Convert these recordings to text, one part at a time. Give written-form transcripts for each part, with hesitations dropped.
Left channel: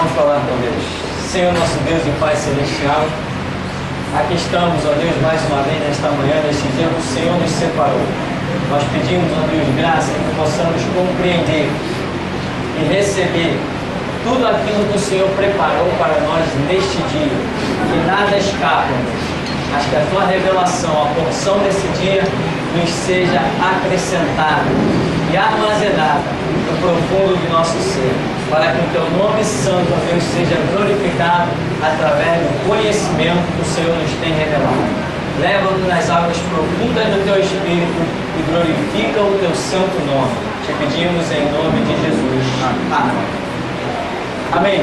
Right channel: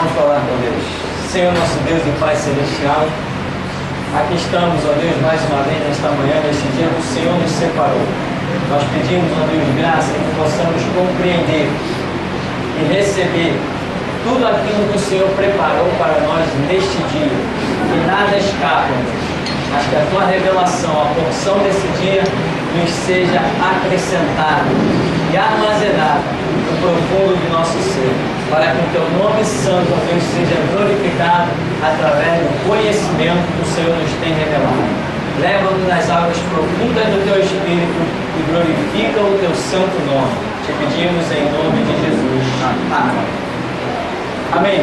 Vamos falar com Deus. Senhor, nosso Deus e Pai Celestial, aqui estamos, ó Deus, mais uma vez nesta manhã, neste dia que o Senhor nos separou. Nós pedimos, ó Deus, graça que possamos compreender e receber tudo aquilo que o Senhor preparou para nós neste dia. Que nada escape, mas que a Tua revelação, a porção desse dia, nos seja acrescentada e armazenada no profundo de nosso ser, para que o Teu nome santo, ó Deus, seja glorificado através do conhecimento que o Senhor nos tem revelado. Leva-nos nas águas profundas do Teu Espírito e glorifica o Teu santo nome. Te pedimos em nome de Jesus. Amém. Amém.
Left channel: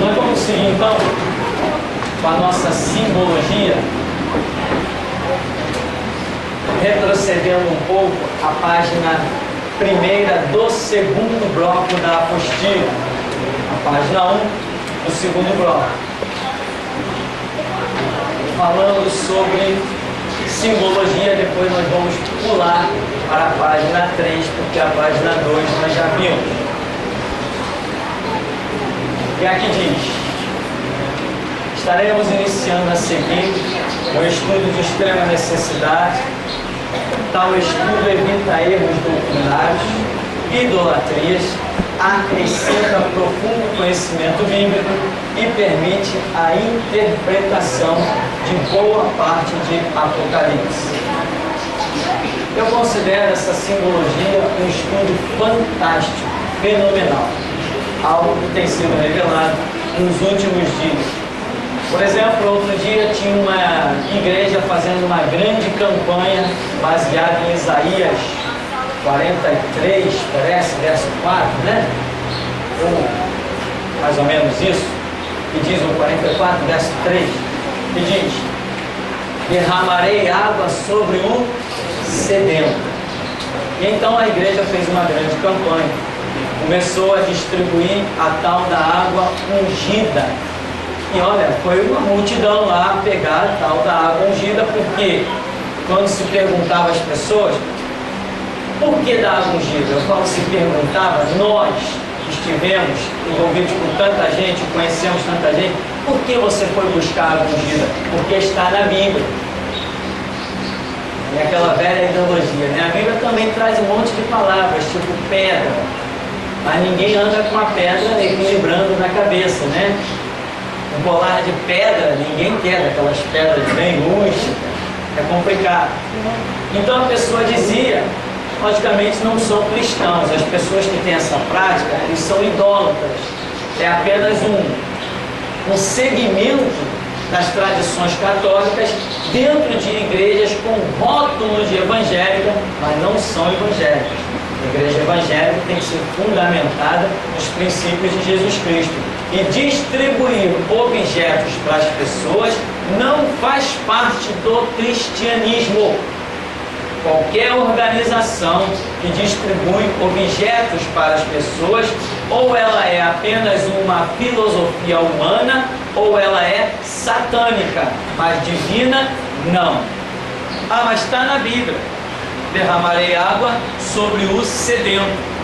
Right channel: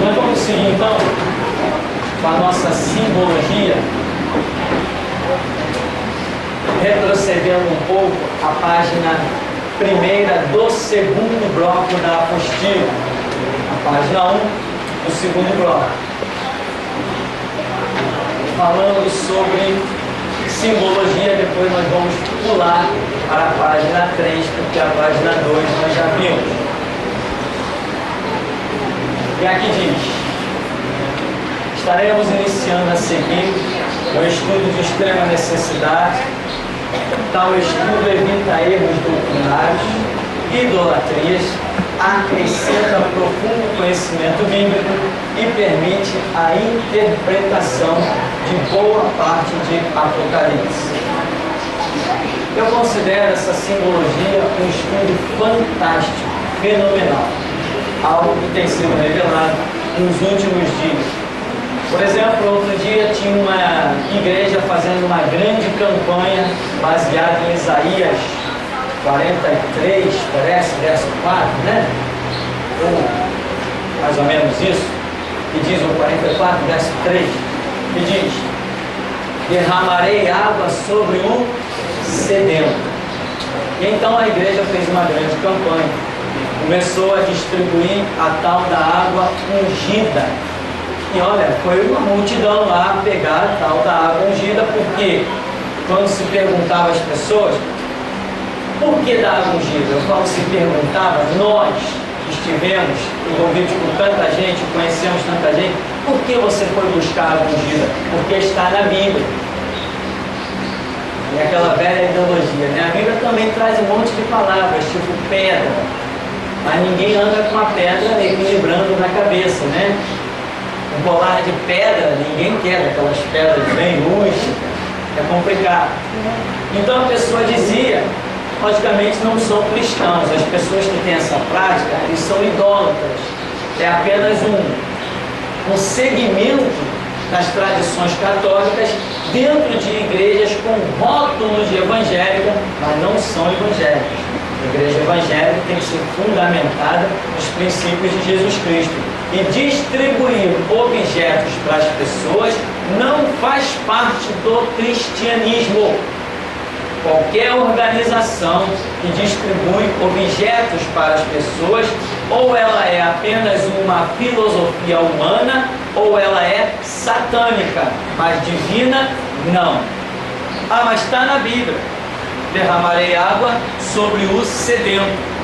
Nós vamos seguir então com a nossa simbologia, retrocedendo um pouco a página primeira do segundo bloco da apostila, a página 1 do segundo bloco, falando sobre simbologia. Depois nós vamos pular para a página 3, porque a página 2 nós já vimos. E aqui diz: estaremos iniciando a seguir o estudo de extrema necessidade. Tal estudo evita erros doutrinários, idolatrias, acrescenta profundo conhecimento bíblico e permite a interpretação de boa parte de Apocalipse. Eu considero essa simbologia um estudo fantástico, fenomenal, algo que tem sido revelado nos últimos dias. Por exemplo, outro dia tinha uma igreja fazendo uma grande campanha baseada em Isaías 43, parece, verso 4, né? Ou mais ou menos isso, que diz o 44, verso 3, que diz: derramarei água sobre o sedento. E então a igreja fez uma grande campanha, começou a distribuir a tal da água ungida. E olha, foi uma multidão lá pegar a tal da água ungida, porque quando se perguntava às pessoas, por que da água ungida? Eu falo se perguntava, nós estivemos envolvidos com tanta gente, conhecemos tanta gente, por que você foi buscar a água ungida? Porque está na Bíblia. É aquela velha ideologia, né? A Bíblia também traz um monte de palavras, tipo pedra, mas ninguém anda com a pedra equilibrando na cabeça, né? Um colar de pedra, ninguém quer aquelas pedras bem rústicas, é complicado. Então a pessoa dizia, logicamente não são cristãos, as pessoas que têm essa prática, eles são idólatras. É apenas um segmento das tradições católicas dentro de igrejas com rótulos de evangélica, mas não são evangélicas. A igreja evangélica tem que ser fundamentada nos princípios de Jesus Cristo. E distribuir objetos para as pessoas não faz parte do cristianismo. Qualquer organização que distribui objetos para as pessoas, ou ela é apenas uma filosofia humana, ou ela é satânica, mas divina, não. Ah, mas está na Bíblia: derramarei água sobre o sedento.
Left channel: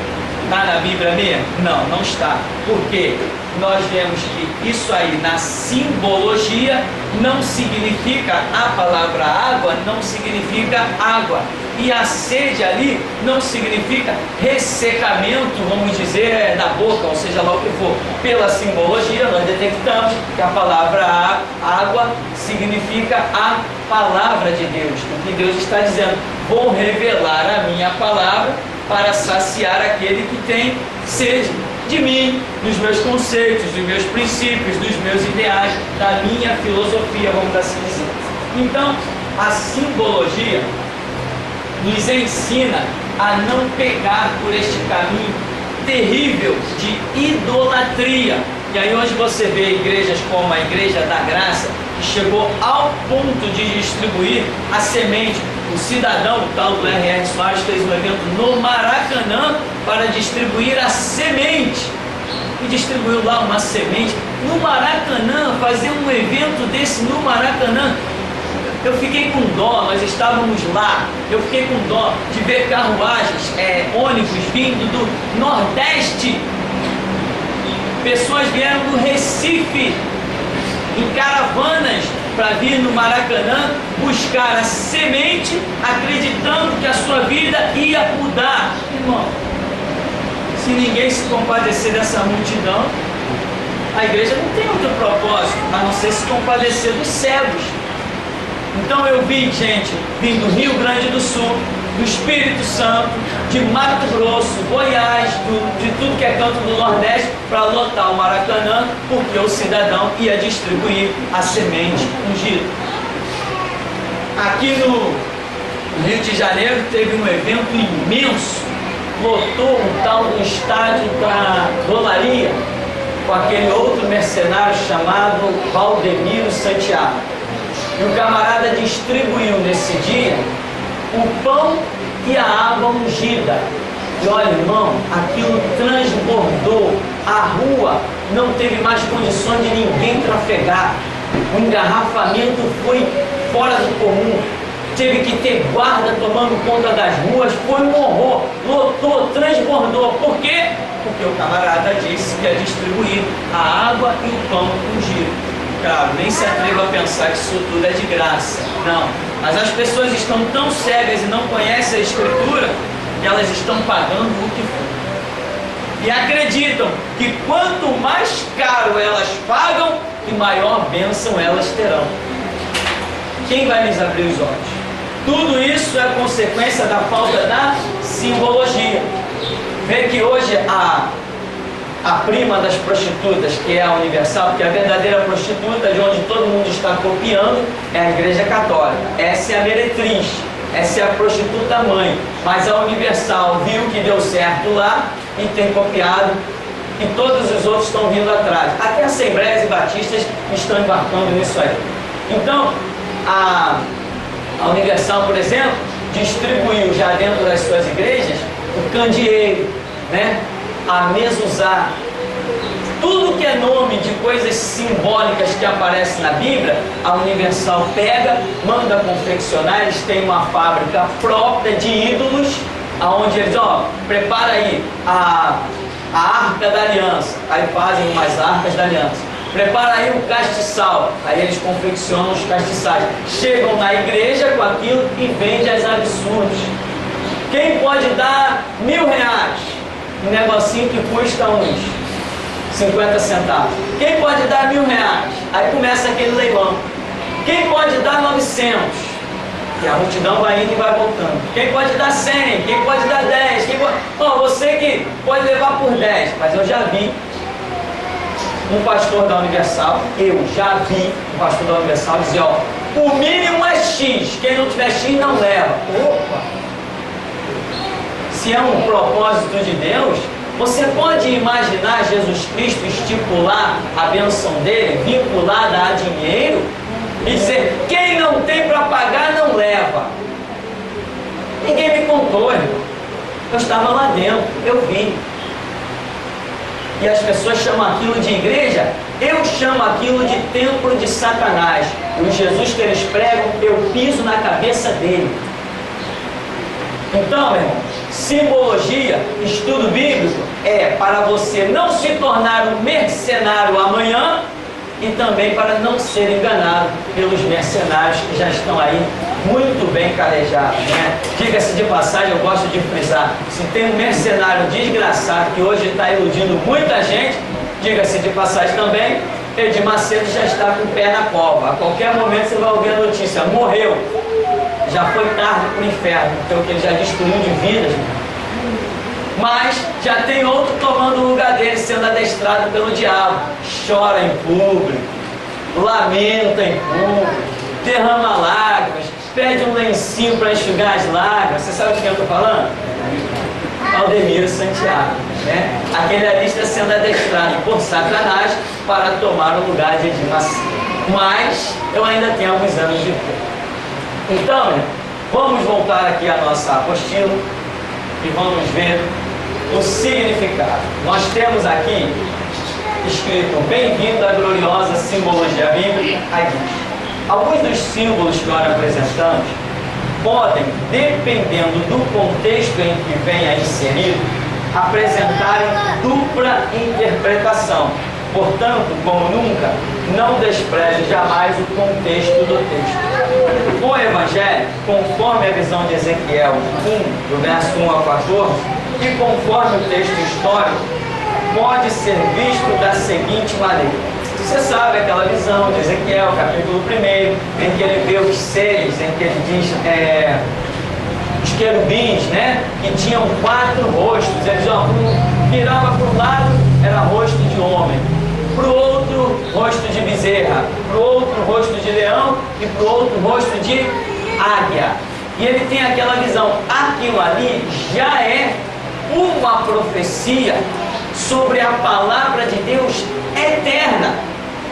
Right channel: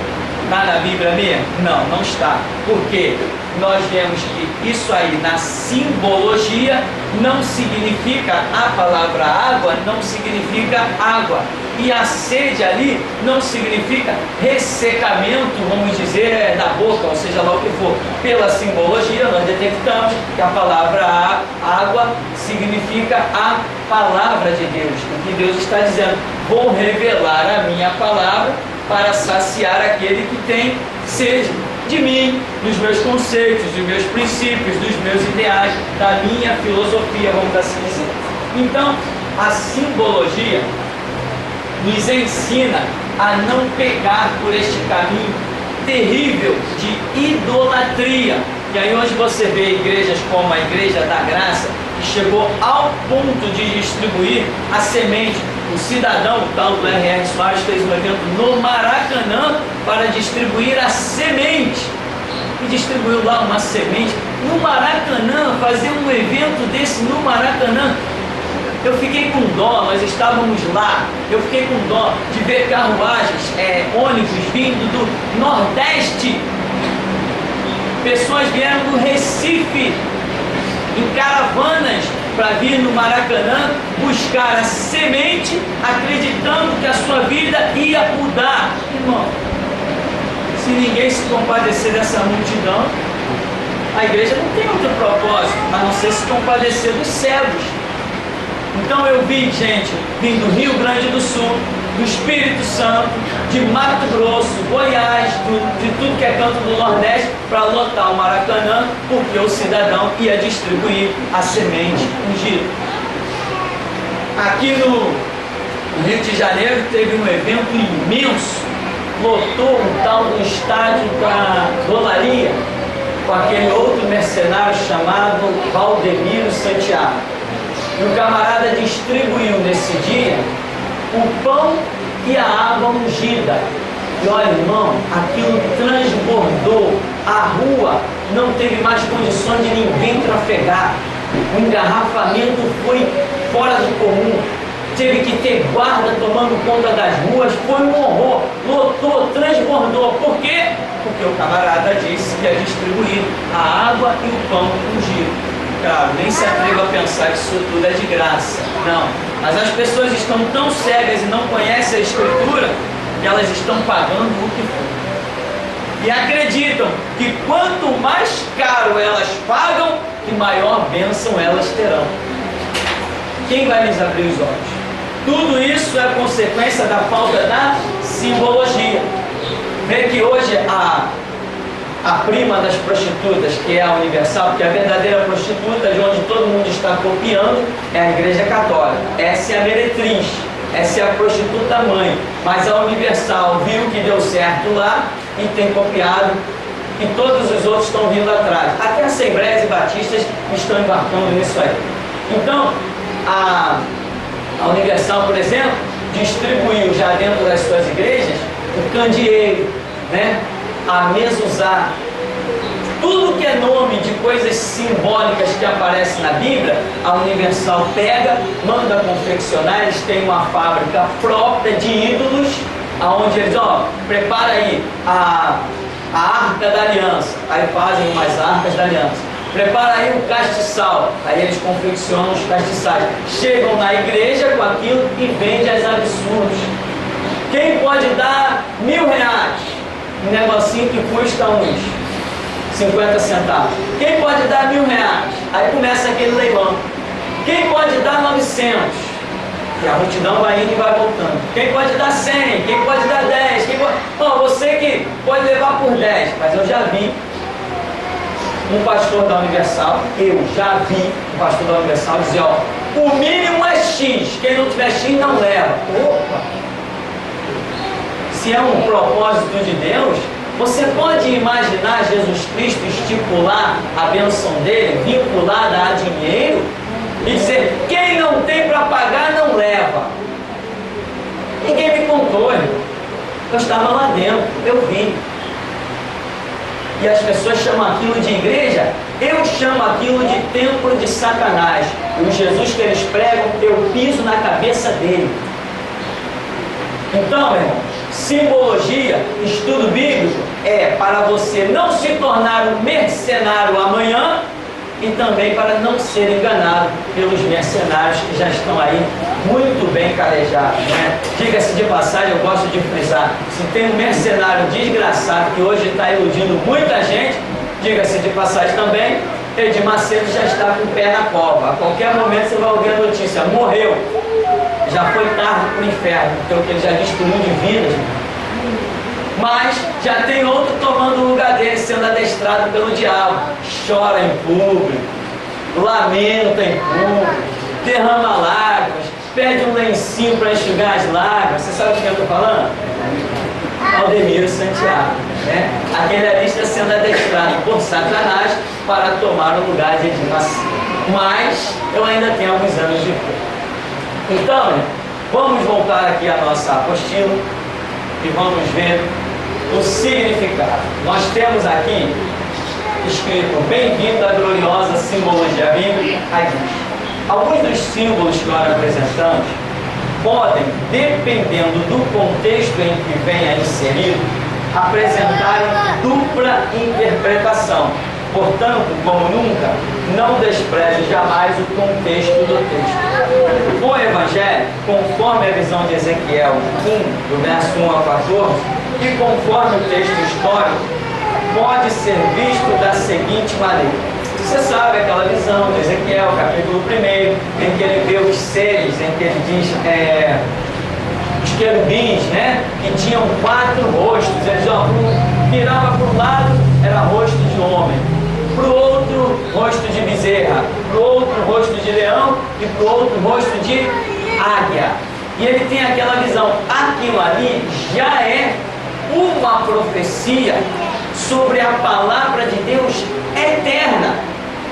Está na Bíblia mesmo? Não, não está. Por quê? Nós vemos que isso aí na simbologia não significa, a palavra água não significa água, e a sede ali não significa ressecamento, vamos dizer, da boca, ou seja lá o que for. Pela simbologia nós detectamos que a palavra água significa a palavra de Deus. O que Deus está dizendo: vou revelar a minha palavra para saciar aquele que tem sede de mim, dos meus conceitos, dos meus princípios, dos meus ideais, da minha filosofia, vamos assim dizer. Então, a simbologia nos ensina a não pegar por este caminho terrível de idolatria. E aí hoje você vê igrejas como a Igreja da Graça, que chegou ao ponto de distribuir a semente. O cidadão, o tal do R.R. Soares, fez um evento no Maracanã para distribuir a semente. E distribuiu lá uma semente no Maracanã, fazer um evento desse no Maracanã. Eu fiquei com dó, nós estávamos lá, eu fiquei com dó de ver carruagens, ônibus vindo do Nordeste Pessoas vieram do Recife em caravanas para vir no Maracanã buscar a semente, acreditando que a sua vida ia mudar. Irmão, se ninguém se compadecer dessa multidão, a igreja não tem outro propósito a não ser se compadecer dos cegos. Então eu vi gente vindo do Rio Grande do Sul, do Espírito Santo, de Mato Grosso, Goiás, de tudo que é canto do Nordeste, para lotar o Maracanã, porque o cidadão ia distribuir a semente ungida. Aqui no Rio de Janeiro teve um evento imenso, lotou um tal do estádio da Rolaria, com aquele outro mercenário chamado Valdemiro Santiago. E o camarada distribuiu nesse dia o pão e a água ungida. E olha, irmão, aquilo transbordou. A rua não teve mais condições de ninguém trafegar. O engarrafamento foi fora do comum. Teve que ter guarda tomando conta das ruas. Foi um horror. Lotou, transbordou. Por quê? Porque o camarada disse que ia distribuir a água e o pão ungido. Claro, nem se atreva a pensar que isso tudo é de graça. Não. Mas as pessoas estão tão cegas e não conhecem a Escritura que elas estão pagando o que for. E acreditam que quanto mais caro elas pagam, que maior bênção elas terão. Quem vai lhes abrir os olhos? Tudo isso é consequência da falta da simbologia. Vê que hoje a prima das prostitutas, que é a Universal, porque a verdadeira prostituta, de onde todo mundo está copiando, é a Igreja Católica. Essa é a meretriz, essa é a prostituta mãe. Mas a Universal viu que deu certo lá e tem copiado, e todos os outros estão vindo atrás. Até Assembleias e Batistas estão embarcando nisso aí. Então, a Universal, por exemplo, distribuiu já dentro das suas igrejas o candeeiro, né? A mezuzá, tudo que é nome de coisas simbólicas que aparecem na Bíblia, a Universal pega, manda confeccionar. Eles têm uma fábrica própria de ídolos, aonde eles, prepara aí a arca da aliança, aí fazem umas arcas da aliança. Prepara aí o castiçal, aí eles confeccionam os castiçais. Chegam na igreja com aquilo e vendem as absurdos. Quem pode dar R$1.000? Um negocinho que custa uns 50 centavos. Quem pode dar R$1.000? Aí começa aquele leilão. Quem pode dar 900? E a multidão vai indo e vai voltando. Quem pode dar 100? Quem pode dar 10? Você que pode levar por 10. Mas eu já vi um pastor da Universal, um pastor da Universal dizer, o mínimo é X. Quem não tiver X não leva. Opa! Se é um propósito de Deus, você pode imaginar Jesus Cristo estipular a bênção dele, vinculada a dinheiro, e dizer, quem não tem para pagar não leva. Ninguém me contou, irmão. Eu estava lá dentro, eu vi. E as pessoas chamam aquilo de igreja, eu chamo aquilo de templo de Satanás. E o Jesus que eles pregam, eu piso na cabeça dele. Então, meu irmão, simbologia, estudo bíblico, é para você não se tornar um mercenário amanhã e também para não ser enganado pelos mercenários que já estão aí muito bem calejados, né? Diga-se de passagem, eu gosto de frisar, se tem um mercenário desgraçado que hoje está iludindo muita gente, diga-se de passagem também, Edir Macedo já está com o pé na cova. A qualquer momento você vai ouvir a notícia, morreu. Já foi tarde para o inferno, porque ele já destruiu de vidas. Mas já tem outro tomando o lugar dele, sendo adestrado pelo diabo. Chora em público, lamenta em público, derrama lágrimas, pede um lencinho para enxugar as lágrimas. Você sabe de quem eu estou falando? Valdemiro Santiago, né? Aquele ali está sendo adestrado por Satanás para tomar o lugar de Edir Macedo. Mas eu ainda tenho alguns anos de fé. Então, vamos voltar aqui à nossa apostila e vamos ver o significado. Nós temos aqui escrito, bem-vindo à gloriosa simbologia bíblica. Aqui. Alguns dos símbolos que nós apresentamos podem, dependendo do contexto em que venha inserido, apresentarem dupla interpretação. Portanto, como nunca, não despreze jamais o contexto do texto. O Evangelho, conforme a visão de Ezequiel 1, do verso 1 ao 14, e conforme o texto histórico, pode ser visto da seguinte maneira. Você sabe aquela visão de Ezequiel, capítulo 1, em que ele vê os seres, em que ele diz os querubins, né, que tinham 4 rostos. Eles virava para um lado, era rosto de homem, para o outro, rosto de bezerra, para o outro, rosto de leão, e para o outro, rosto de águia. E ele tem aquela visão. Aquilo ali já é uma profecia sobre a palavra de Deus eterna,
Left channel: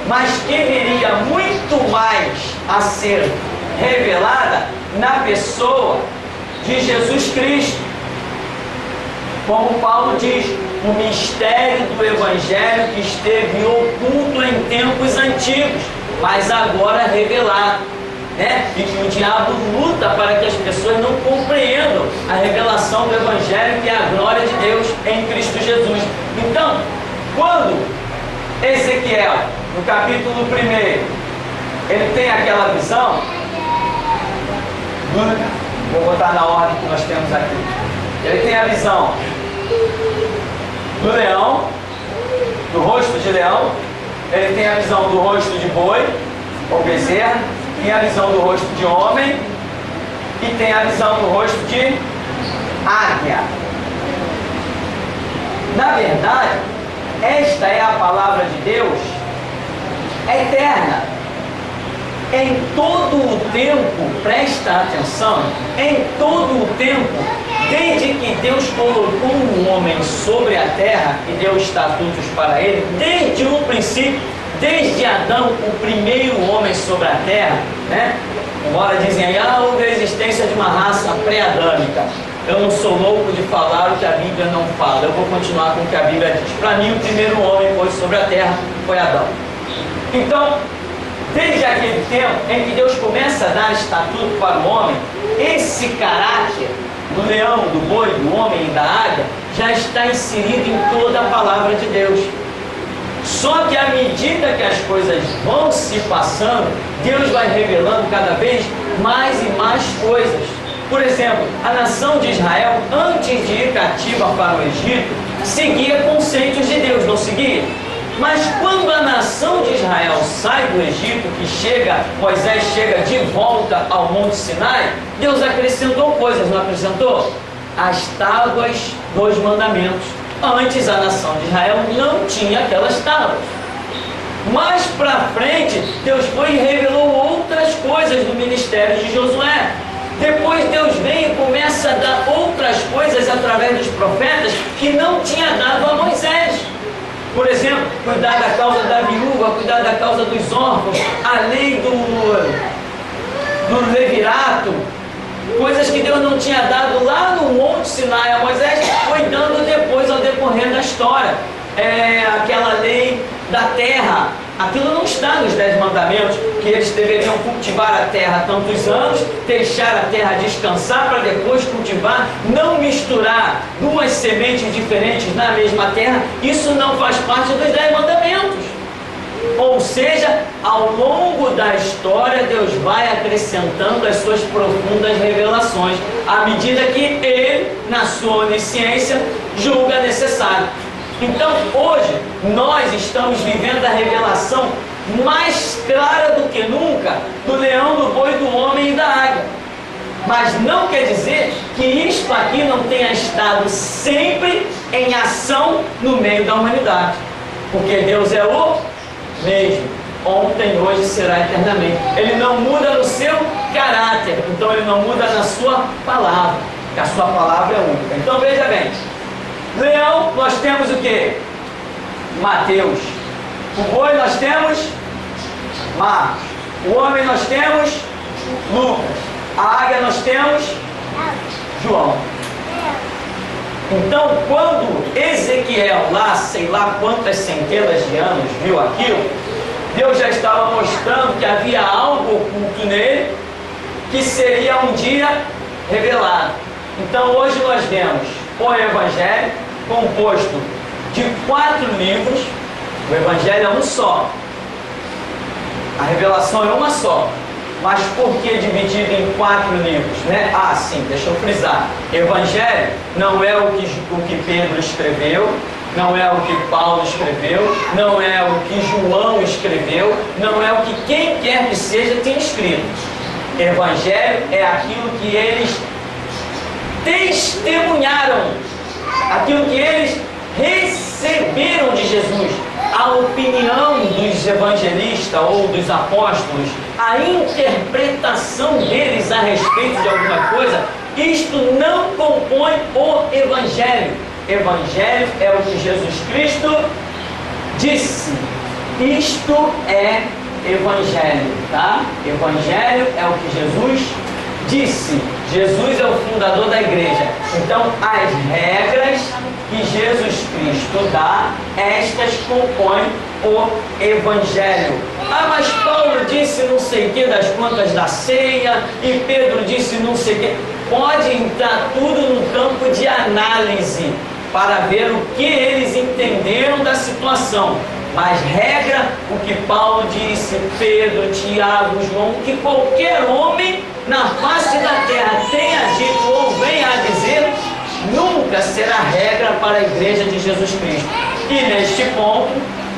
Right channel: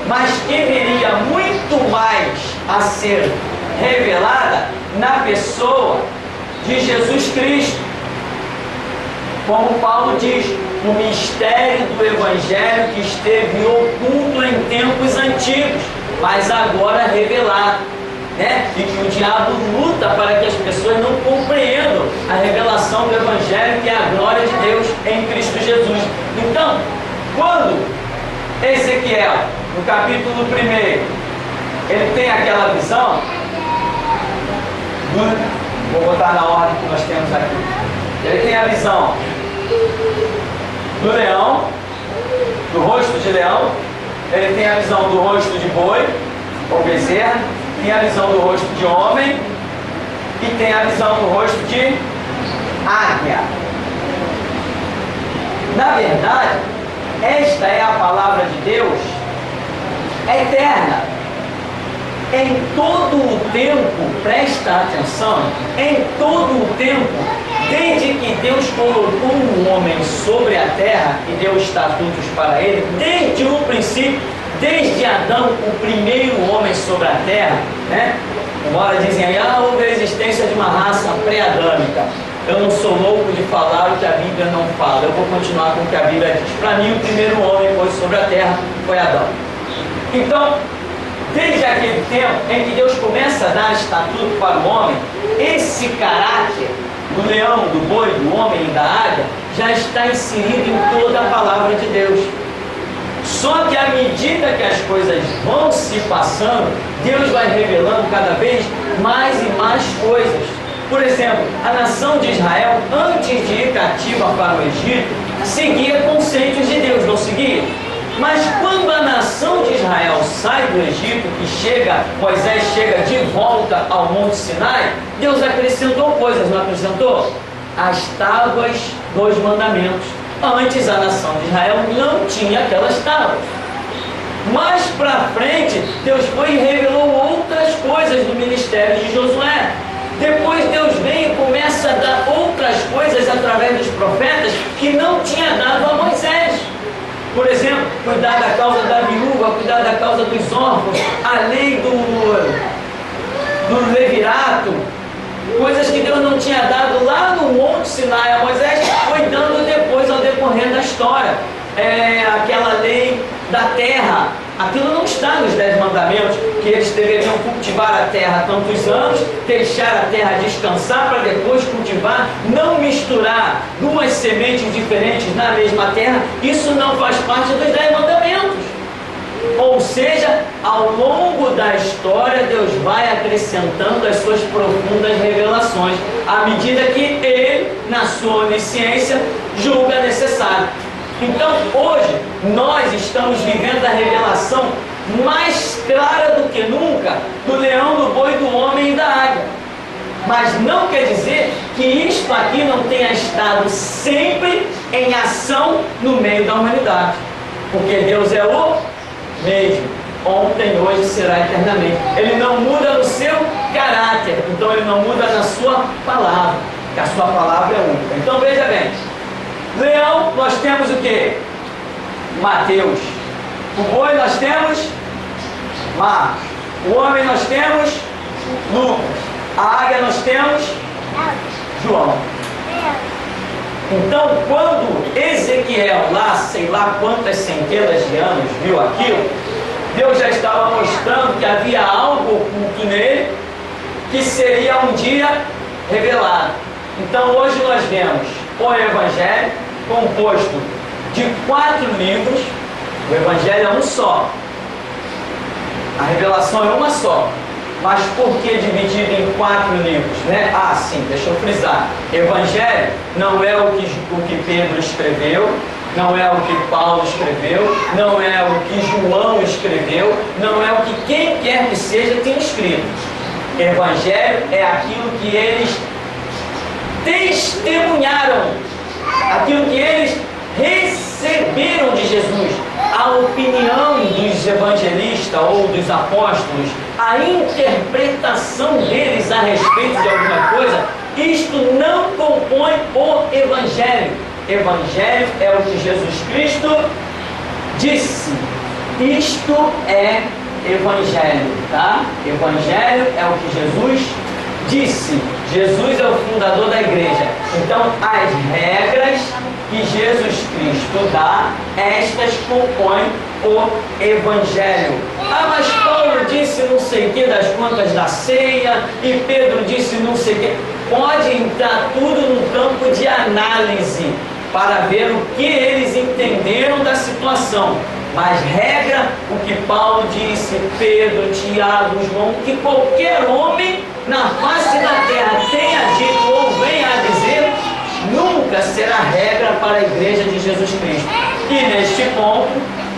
mas que viria muito mais a ser revelada na pessoa de Jesus Cristo. Como Paulo diz, o mistério do Evangelho que esteve oculto em tempos antigos, mas agora revelado, né? E que o diabo luta para que as pessoas não compreendam a revelação do Evangelho, que é a glória de Deus em Cristo Jesus. Então, quando Ezequiel, no capítulo 1, ele tem aquela visão, vou botar na ordem que nós temos aqui, ele tem a visão do leão, do rosto de leão, ele tem a visão do rosto de boi, ou bezerra, tem a visão do rosto de homem e tem a visão do rosto de águia. Na verdade, esta é a palavra de Deus eterna. Em todo o tempo, presta atenção, em todo o tempo, desde que Deus colocou um homem sobre a terra e deu estatutos para ele, desde o princípio, desde Adão, o primeiro homem sobre a terra, né? Embora dizem aí, houve a existência de uma raça pré-adâmica. Eu não sou louco de falar o que a Bíblia não fala. Eu vou continuar com o que a Bíblia diz. Para mim, o primeiro homem que pôs sobre a terra foi Adão. Então, desde aquele tempo em que Deus começa a dar estatuto para o homem, esse caráter do leão, do boi, do homem e da águia já está inserido em toda a palavra de Deus. Só que à medida que as coisas vão se passando, Deus vai revelando cada vez mais e mais coisas. Por exemplo, a nação de Israel, antes de ir cativa para o Egito, seguia conceitos de Deus, não seguia? Mas quando a nação de Israel sai do Egito, Moisés chega de volta ao Monte Sinai, Deus acrescentou coisas, não acrescentou? As tábuas dos mandamentos. Antes a nação de Israel não tinha aquelas tábuas. Mais para frente, Deus foi e revelou outras coisas no ministério de Josué. Depois Deus vem e começa a dar outras coisas através dos profetas que não tinha dado a Moisés. Por exemplo, cuidar da causa da viúva, cuidar da causa dos órfãos, a lei do levirato, coisas que Deus não tinha dado lá no Monte Sinai a Moisés, foi dando depois ao decorrer da história. Aquela lei da terra, aquilo não está nos 10 mandamentos, que eles deveriam cultivar a terra tantos anos, deixar a terra descansar para depois cultivar, não misturar 2 sementes diferentes na mesma terra. Isso não faz parte dos 10 mandamentos. Ou seja, ao longo da história, Deus vai acrescentando as suas profundas revelações, à medida que Ele, na sua onisciência, julga necessário. Então, hoje, nós estamos vivendo a revelação mais clara do que nunca do leão, do boi, do homem e da águia. Mas não quer dizer que isto aqui não tenha estado sempre em ação no meio da humanidade. Porque Deus é o mesmo, ontem, hoje, será eternamente. Ele não muda no seu caráter, então ele não muda na sua palavra, porque a sua palavra é única. Então veja bem, leão nós temos o que? Mateus. O boi nós temos Marcos. O homem nós temos Lucas. A águia nós temos João. Então, quando Ezequiel, lá, sei lá quantas centenas de anos, viu aquilo, Deus já estava mostrando que havia algo oculto nele, que seria um dia revelado. Então, hoje nós vemos o Evangelho, composto de 4 livros. O Evangelho é um só. A revelação é uma só. Mas por que dividido em 4 livros, né? Ah, sim, deixa eu frisar. Evangelho não é o que Pedro escreveu, não é o que Paulo escreveu, não é o que João escreveu, não é o que quem quer que seja tem escrito. Evangelho é aquilo que eles testemunharam, aquilo que eles receberam de Jesus, a opinião dos evangelistas ou dos apóstolos, a interpretação deles a respeito de alguma coisa. Isto não compõe o Evangelho. Evangelho é o que Jesus Cristo disse. Isto é Evangelho, tá? Evangelho é o que Jesus disse. Jesus é o fundador da igreja. Então, as regras que Jesus Cristo dá, estas compõem o Evangelho. Ah, mas Paulo disse não sei o que das contas da ceia, e Pedro disse não sei o que. Pode entrar tudo no campo de análise, para ver o que eles entenderam da situação. Mas regra, o que Paulo disse, Pedro, Tiago, João, que qualquer homem na face da terra tenha dito ou venha a dizer, nunca será regra para a igreja de Jesus Cristo. E neste ponto,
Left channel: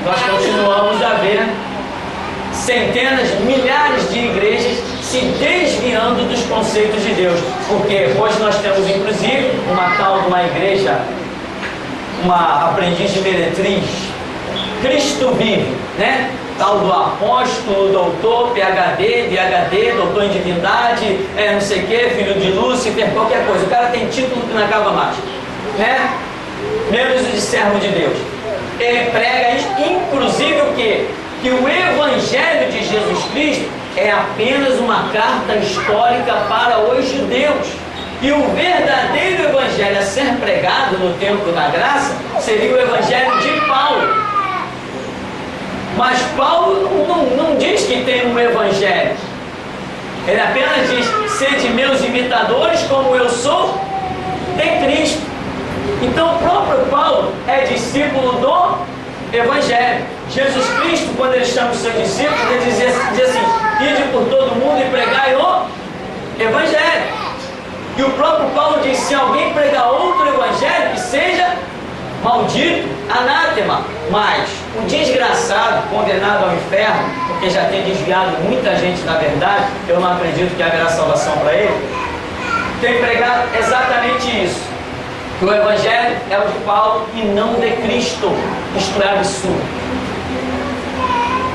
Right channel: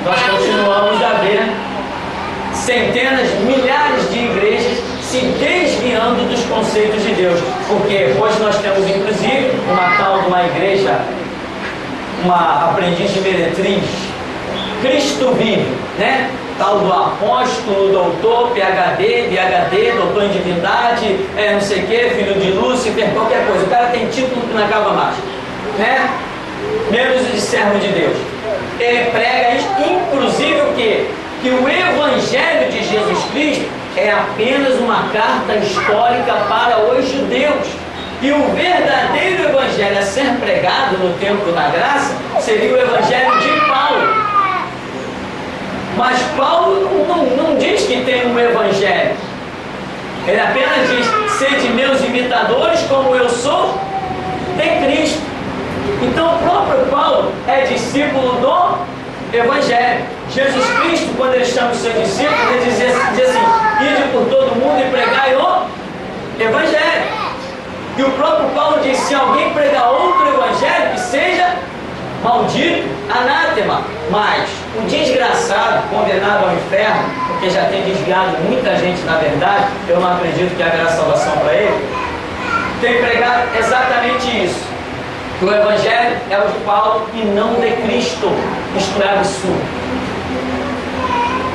nós continuamos a ver centenas, milhares de igrejas se desviando dos conceitos de Deus. Porque hoje nós temos, inclusive, uma tal de uma igreja, uma aprendiz de meretriz, Cristo vive, né? Tal do apóstolo, doutor, PhD, doutor em divindade, não sei o que, filho de Lúcifer, qualquer coisa. O cara tem título que não acaba mais, né? Menos de servo de Deus. Ele prega isso, inclusive o quê? Que o Evangelho de Jesus Cristo é apenas uma carta histórica para os judeus. E o verdadeiro Evangelho a ser pregado no tempo da graça seria o Evangelho de Paulo. Mas Paulo não diz que tem um Evangelho. Ele apenas diz, sede meus imitadores como eu sou de Cristo. Então o próprio Paulo é discípulo do Evangelho. Jesus Cristo, quando ele chama os seus discípulos, ele diz assim, ide por todo mundo e pregai o Evangelho. E o próprio Paulo diz, se alguém pregar outro Evangelho, que seja maldito, anátema. Mas o desgraçado, condenado ao inferno, porque já tem desviado muita gente na verdade, eu não acredito que haverá salvação para ele, tem pregado exatamente isso, que o Evangelho é o de Paulo e não de Cristo. Isto é absurdo.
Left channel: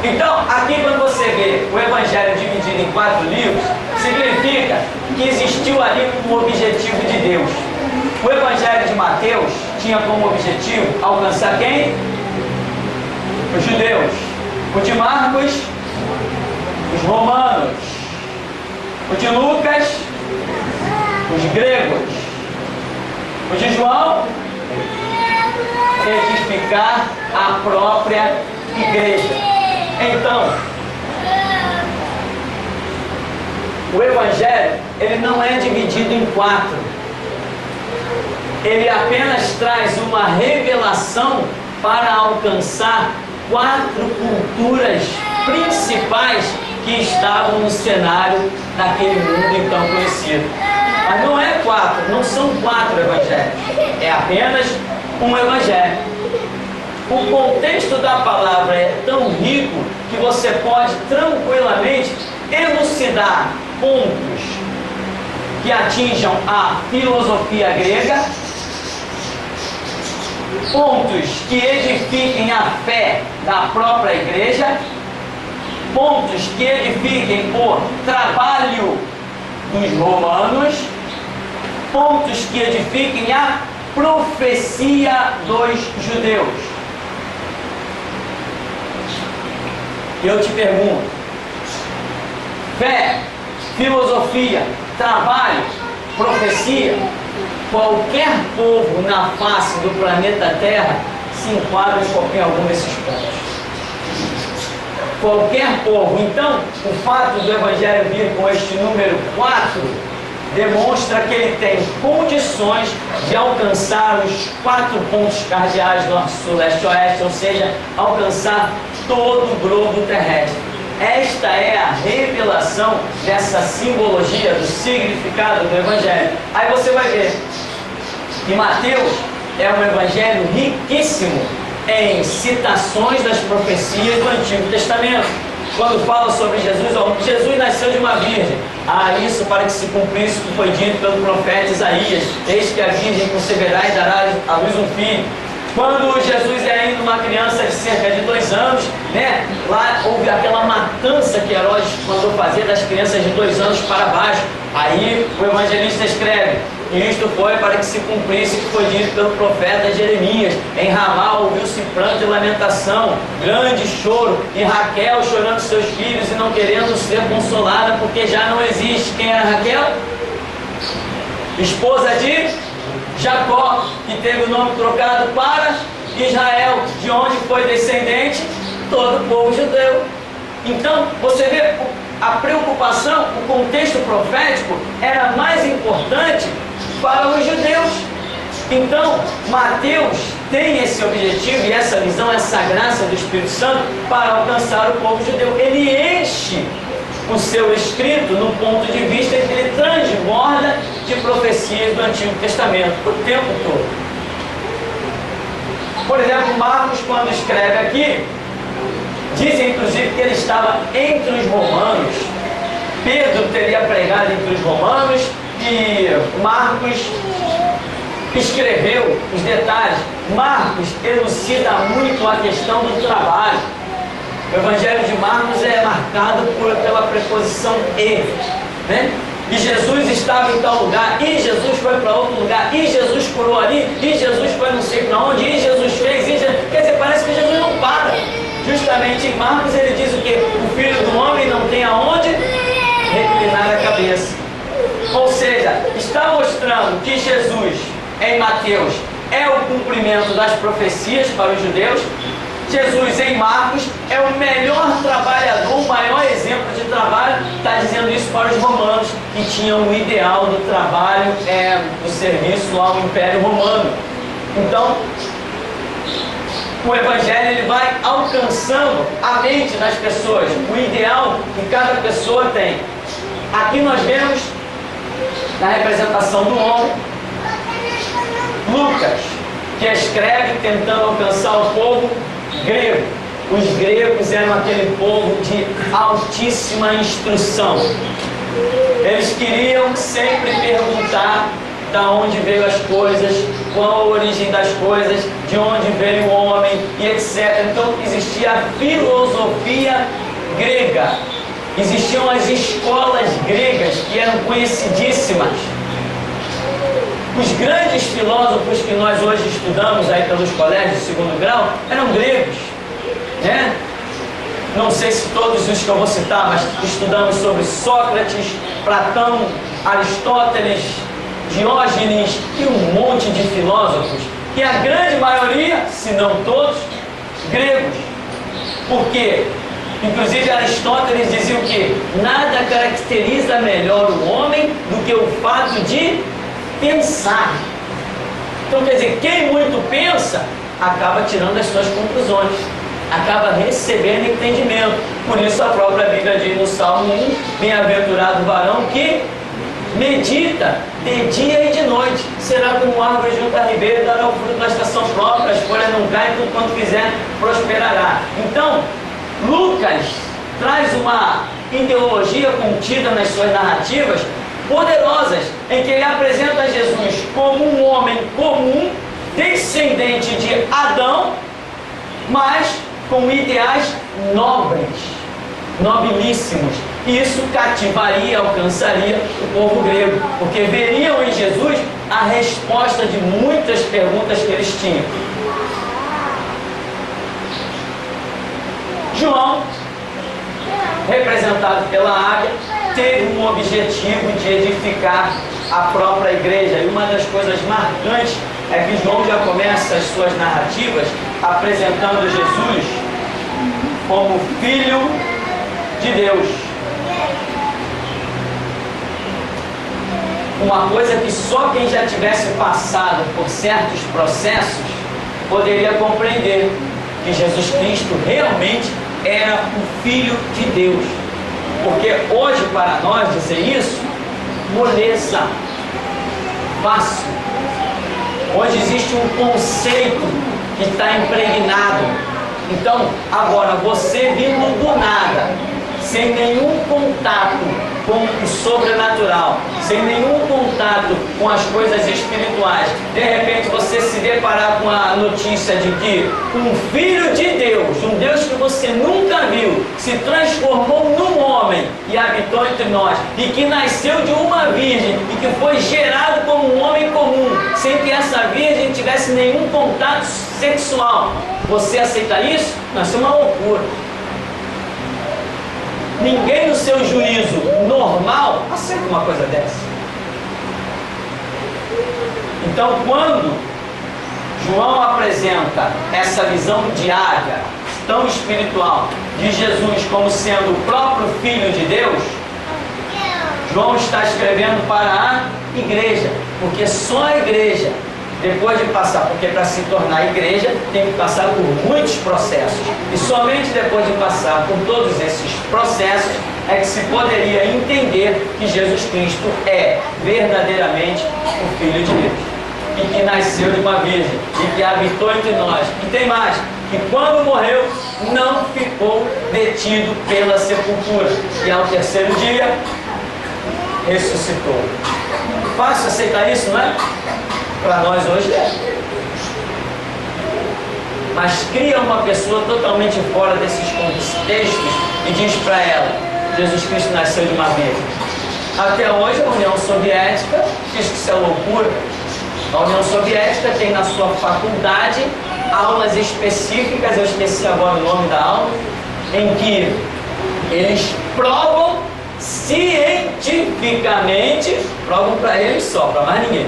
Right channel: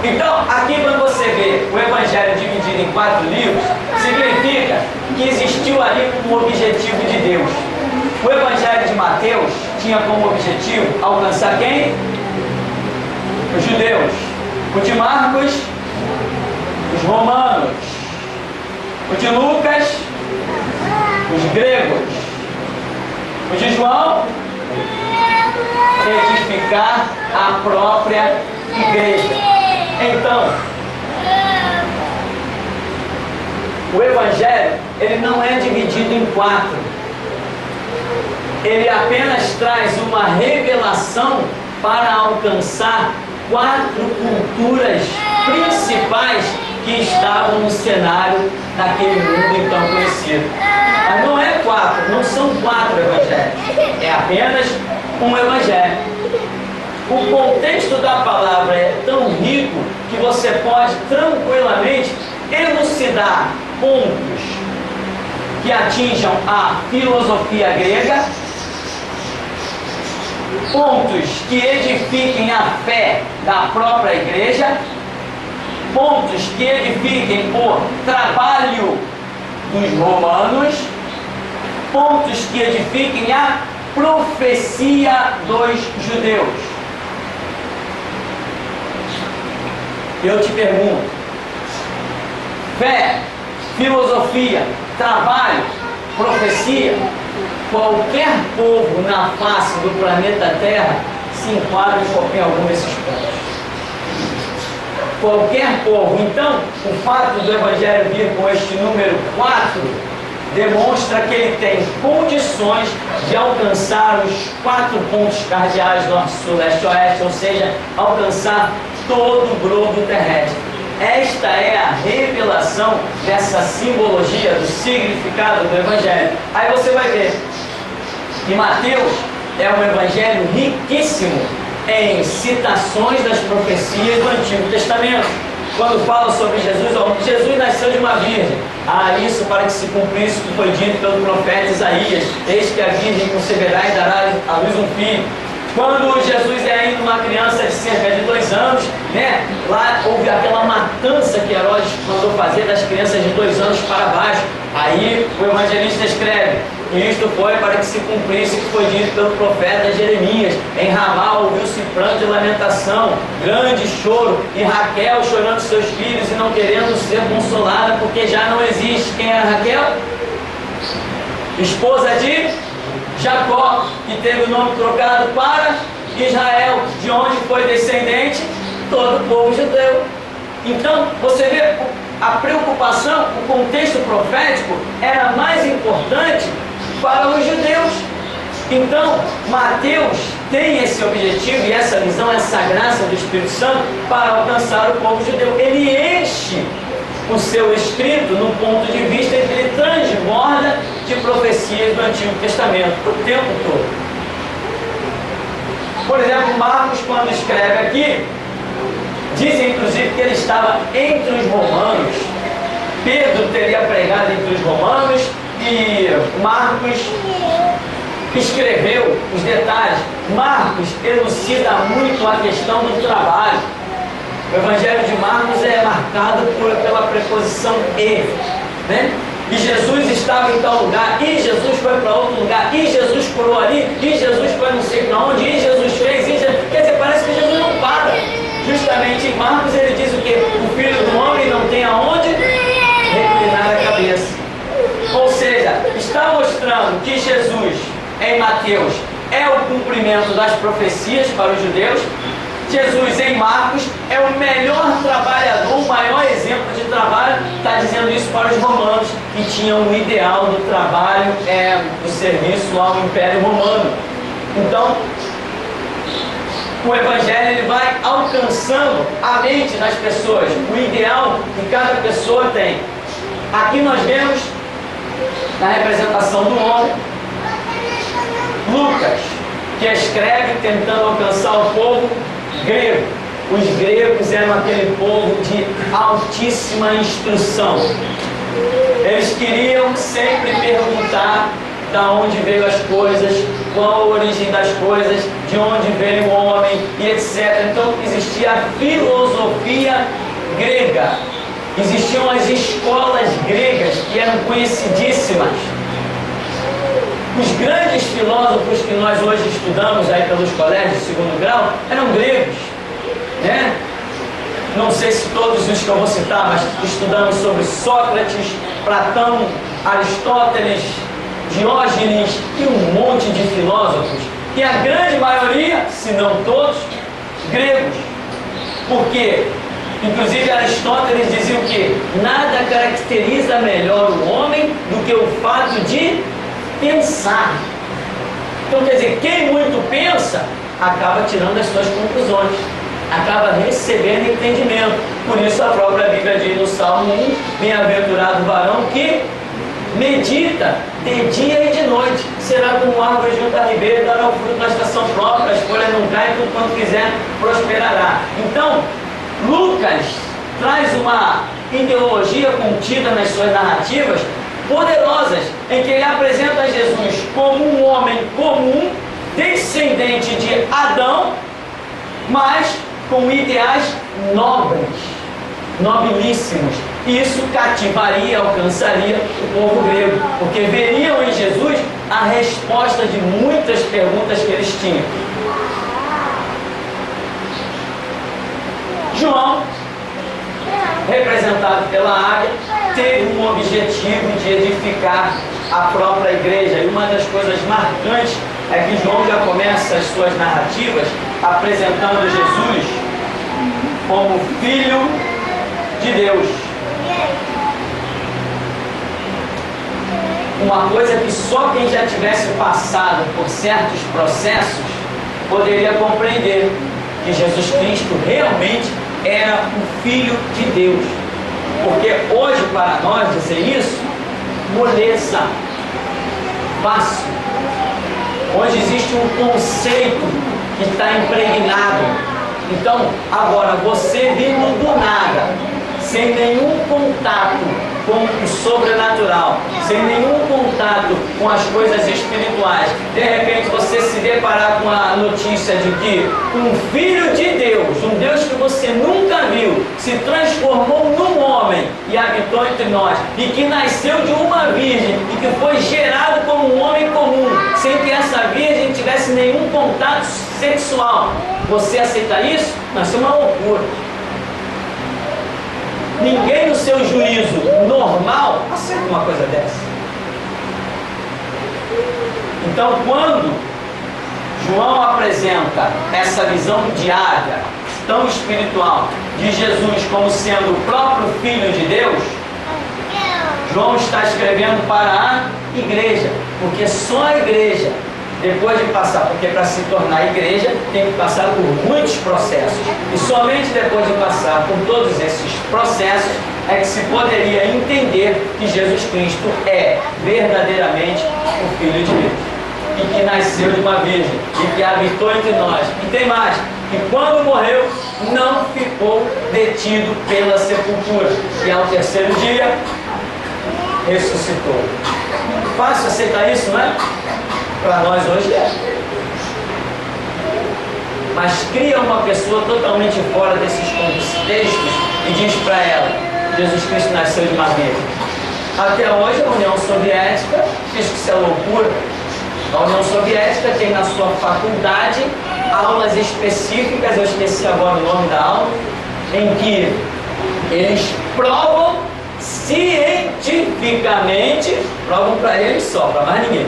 Então, aqui quando você vê o Evangelho dividido em 4 livros, significa que existiu ali um objetivo de Deus. O Evangelho de Mateus tinha como objetivo alcançar quem? Os judeus. O de Marcos, os romanos. O de Lucas, os gregos. O de João, edificar a própria igreja. Então, o Evangelho, ele não é dividido em 4. Ele apenas traz uma revelação para alcançar 4 culturas principais que estavam no cenário daquele mundo então conhecido. Mas não é 4, não são 4 evangelhos, é apenas um evangelho. O contexto da palavra é tão rico que você pode tranquilamente elucidar pontos que atinjam a filosofia grega, pontos que edifiquem a fé da própria igreja, pontos que edifiquem o trabalho dos romanos, pontos que edifiquem a profecia dos judeus. Eu te pergunto, fé, filosofia, trabalho, profecia, qualquer povo na face do planeta Terra se enquadra em qualquer algum desses pontos. Qualquer povo. Então, o fato do Evangelho vir com este número 4 demonstra que ele tem condições de alcançar os 4 pontos cardeais norte, sul, leste, oeste, ou seja, alcançar todo o globo terrestre. Esta é a revelação dessa simbologia, do significado do Evangelho. Aí você vai ver que Mateus é um evangelho riquíssimo em citações das profecias do Antigo Testamento. Quando fala sobre Jesus, ó, Jesus nasceu de uma virgem. Isso para que se cumprisse o que foi dito pelo profeta Isaías. Eis que a virgem conceberá e dará à luz um filho. Quando Jesus é ainda uma criança de cerca de 2 anos, né, lá houve aquela matança que Herodes mandou fazer das crianças de 2 anos para baixo. Aí o evangelista escreve: isto foi para que se cumprisse o que foi dito pelo profeta Jeremias. Em Ramá ouviu-se pranto e lamentação, grande choro, e Raquel chorando seus filhos e não querendo ser consolada, porque já não existe. Quem era Raquel? Esposa de Jacó, que teve o nome trocado para Israel, de onde foi descendente todo o povo judeu. Então, você vê a preocupação, o contexto profético era mais importante para os judeus. Então, Mateus tem esse objetivo e essa visão, essa graça do Espírito Santo para alcançar o povo judeu. Ele enche o seu escrito no ponto de vista em que ele transborda de profecias do Antigo Testamento o tempo todo. Por exemplo, Marcos, quando escreve aqui, dizem inclusive que ele estava entre os romanos. Pedro teria pregado entre os romanos e Marcos escreveu os detalhes. Marcos elucida muito a questão do trabalho. O Evangelho de Marcos é marcado pela preposição "e", né? E Jesus estava em tal lugar, e Jesus foi para outro lugar, e Jesus curou ali, e Jesus foi não sei para onde, e Jesus fez, quer dizer, parece que Jesus não para. Justamente em Marcos ele diz o que? O Filho do Homem não tem aonde reclinar a cabeça. Ou seja, está mostrando que Jesus, em Mateus, é o cumprimento das profecias para os judeus. Jesus, em Marcos, é o melhor trabalhador, o maior exemplo de trabalho. Está dizendo isso para os romanos, que tinham o ideal do trabalho, do serviço ao Império Romano. Então, o Evangelho ele vai alcançando a mente das pessoas, o ideal que cada pessoa tem. Aqui nós vemos, na representação do homem, Lucas, que escreve tentando alcançar o povo grego. Os gregos eram aquele povo de altíssima instrução. Eles queriam sempre perguntar da onde veio as coisas, qual a origem das coisas, de onde veio o homem e etc. Então existia a filosofia grega, existiam as escolas gregas que eram conhecidíssimas. Os grandes filósofos que nós hoje estudamos aí pelos colégios de segundo grau eram gregos, né? Não sei se todos os que eu vou citar, mas estudamos sobre Sócrates, Platão, Aristóteles, Diógenes e um monte de filósofos, e a grande maioria, se não todos, gregos. Por quê? Inclusive Aristóteles dizia o quê? Nada caracteriza melhor o homem do que o fato de pensar. Então quer dizer, quem muito pensa acaba tirando as suas conclusões, acaba recebendo entendimento. Por isso a própria Bíblia diz no Salmo 1: bem-aventurado o varão que medita de dia e de noite, será como árvore junto a ribeiro, dará o fruto na estação própria, as folhas não caem, tudo quanto quiser prosperará. Então Lucas traz uma ideologia contida nas suas narrativas poderosas, em que ele apresenta Jesus como um homem comum, descendente de Adão, mas com ideais nobres, nobilíssimos. Isso cativaria, alcançaria o povo grego, porque veriam em Jesus a resposta de muitas perguntas que eles tinham. João, representado pela águia, teve um objetivo de edificar a própria igreja. E uma das coisas marcantes é que João já começa as suas narrativas apresentando Jesus como Filho de Deus. uma coisa que só quem já tivesse passado por certos processos poderia compreender, que Jesus Cristo realmente era o Filho de Deus. Porque hoje, para nós dizer isso, moleza, fácil. Hoje existe um conceito que está impregnado. Então, agora, você vindo do nada, sem nenhum contato com o sobrenatural, sem nenhum contato com as coisas espirituais, de repente você se deparar com a notícia de que um Filho de Deus, um Deus que você nunca viu, se transformou num homem e habitou entre nós, e que nasceu de uma virgem, e que foi gerado como um homem comum, sem que essa virgem tivesse nenhum contato sexual. Você aceita isso? Isso é uma loucura. Ninguém no seu juízo normal aceita uma coisa dessa. Então, quando João apresenta essa visão diária, tão espiritual, de Jesus como sendo o próprio Filho de Deus, João está escrevendo para a igreja, porque só a igreja, depois de passar, porque para se tornar igreja tem que passar por muitos processos, e somente depois de passar por todos esses processos é que se poderia entender que Jesus Cristo é verdadeiramente o Filho de Deus, e que nasceu de uma virgem, e que habitou entre nós. E tem mais, que quando morreu não ficou detido pela sepultura, e ao terceiro dia ressuscitou. Fácil aceitar isso, não é? Para nós hoje é. Mas cria uma pessoa totalmente fora desses contextos e diz para ela: Jesus Cristo nasceu de uma virgem. Até hoje a União Soviética diz que isso é loucura. A União Soviética tem na sua faculdade aulas específicas, eu esqueci agora o nome da aula, em que eles provam cientificamente, provam para eles só, para mais ninguém,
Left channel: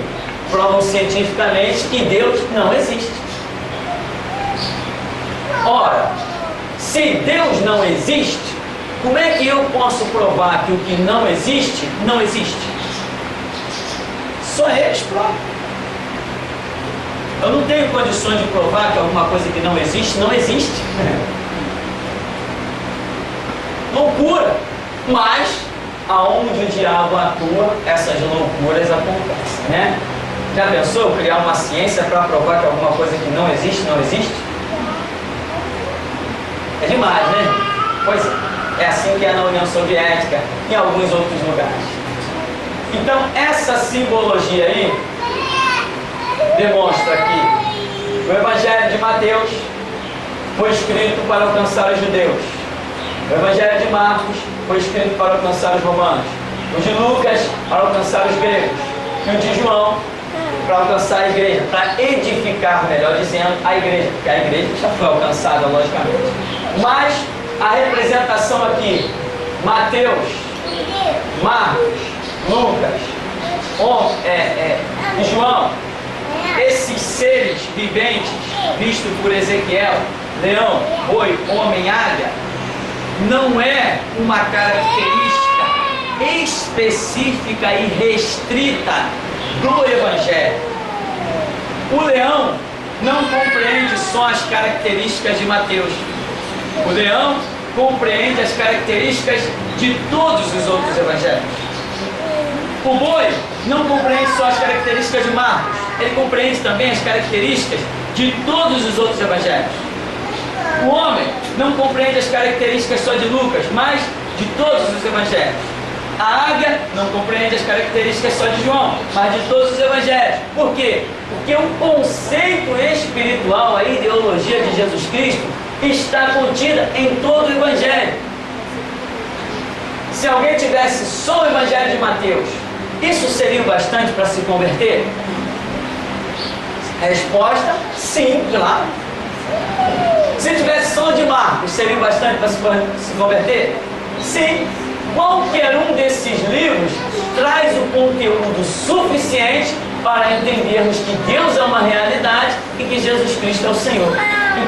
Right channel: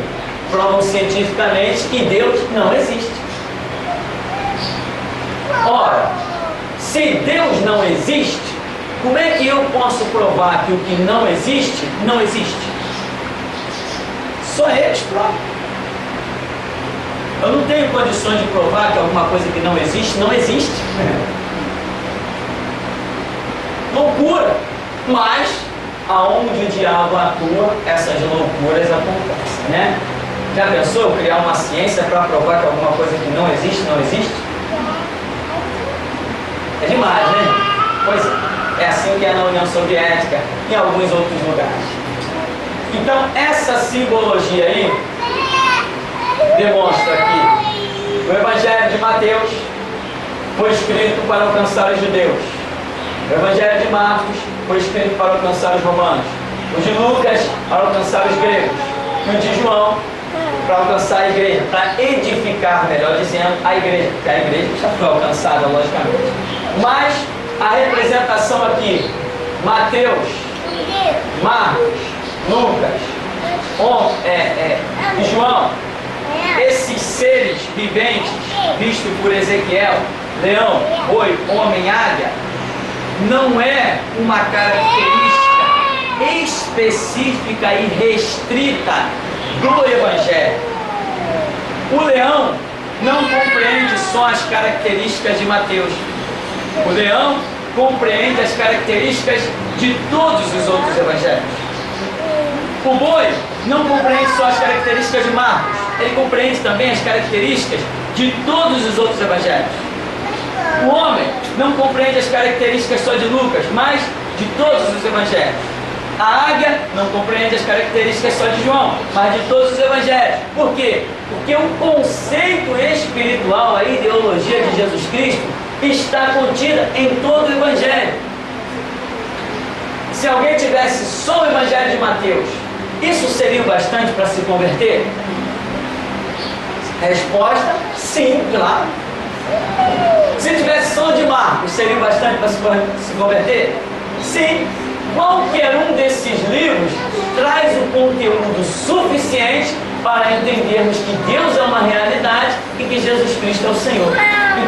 provam cientificamente que Deus não existe. Ora, se Deus não existe, como é que eu posso provar que o que não existe, não existe? Só eles provam. Eu não tenho condições de provar que alguma coisa que não existe, não existe. Loucura. Mas, aonde o diabo atua, essas loucuras acontecem, né? Já pensou eu criar uma ciência para provar que alguma coisa que não existe, não existe? É demais, né? Pois é. É assim que é na União Soviética, em alguns outros lugares. Então, essa simbologia aí demonstra que o Evangelho de Mateus foi escrito para alcançar os judeus. O Evangelho de Marcos foi escrito para alcançar os romanos. O de Lucas para alcançar os gregos. E o de João para alcançar a igreja, para edificar, melhor dizendo, a igreja, porque a igreja já foi alcançada, logicamente. Mas a representação aqui, Mateus, Marcos, Lucas e João, esses seres viventes vistos por Ezequiel, leão, boi, homem, águia, não é uma característica específica e restrita do Evangelho. O leão não compreende só as características de Mateus. O leão compreende as características de todos os outros evangelhos. O boi não compreende só as características de Marcos, ele compreende também as características de todos os outros evangelhos. O homem não compreende as características só de Lucas, mas de todos os evangelhos. A águia não compreende as características só de João, mas de todos os evangelhos. Por quê? Porque o conceito espiritual, a ideologia de Jesus Cristo, está contida em todo o Evangelho. Se alguém tivesse só o Evangelho de Mateus, isso seria o bastante para se converter? Resposta: sim, claro. Se tivesse só o de Marcos, seria o bastante para se converter? Sim. Qualquer um desses livros traz o conteúdo suficiente para entendermos que Deus é uma realidade e que Jesus Cristo é o Senhor.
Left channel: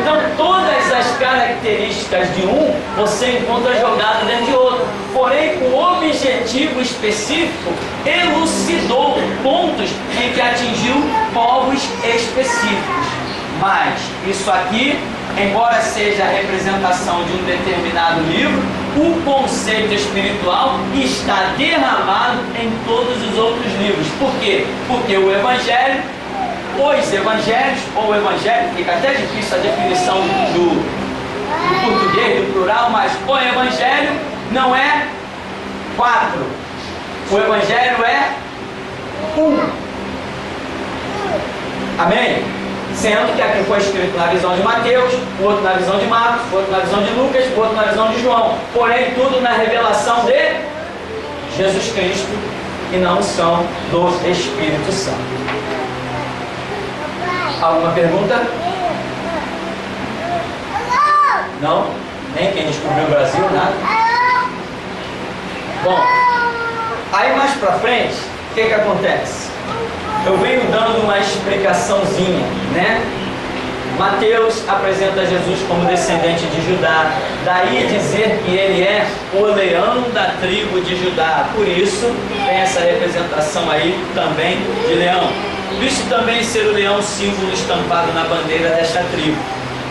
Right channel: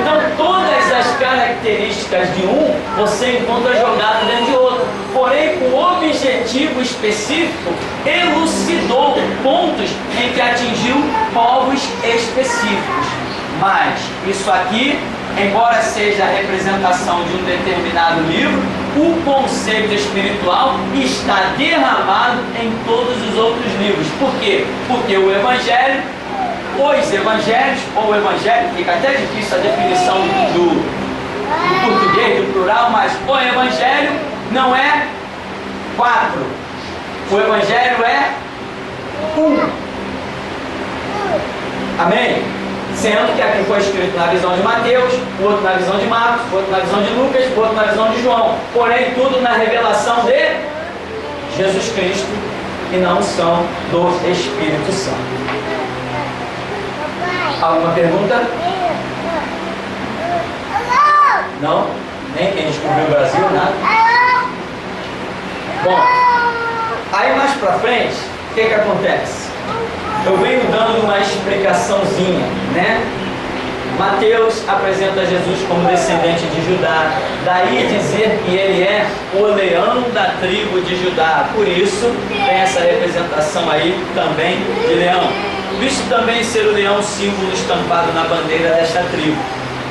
Então, todas as características características de um, você encontra jogado dentro de outro. Porém, com objetivo específico, elucidou pontos em que atingiu povos específicos. Mas isso aqui, embora seja a representação de um determinado livro, o conceito espiritual está derramado em todos os outros livros. Por quê? Porque o Evangelho, os Evangelhos, ou o Evangelho, fica até difícil a definição do português, do plural, mas o Evangelho não é 4. O Evangelho é 1. Amém? Sendo que aqui foi escrito na visão de Mateus, o outro na visão de Marcos, o outro na visão de Lucas, o outro na visão de João. Porém, tudo na revelação de Jesus Cristo e na unção do Espírito Santo. Alguma pergunta? Não? Nem quem descobriu o Brasil, nada? Bom, aí mais pra frente, o que acontece? Eu venho dando uma explicaçãozinha, né? Mateus apresenta Jesus como descendente de Judá, daí dizer que ele é o leão da tribo de Judá. Por isso tem essa representação aí também de leão. Visto também ser o leão símbolo estampado na bandeira desta tribo.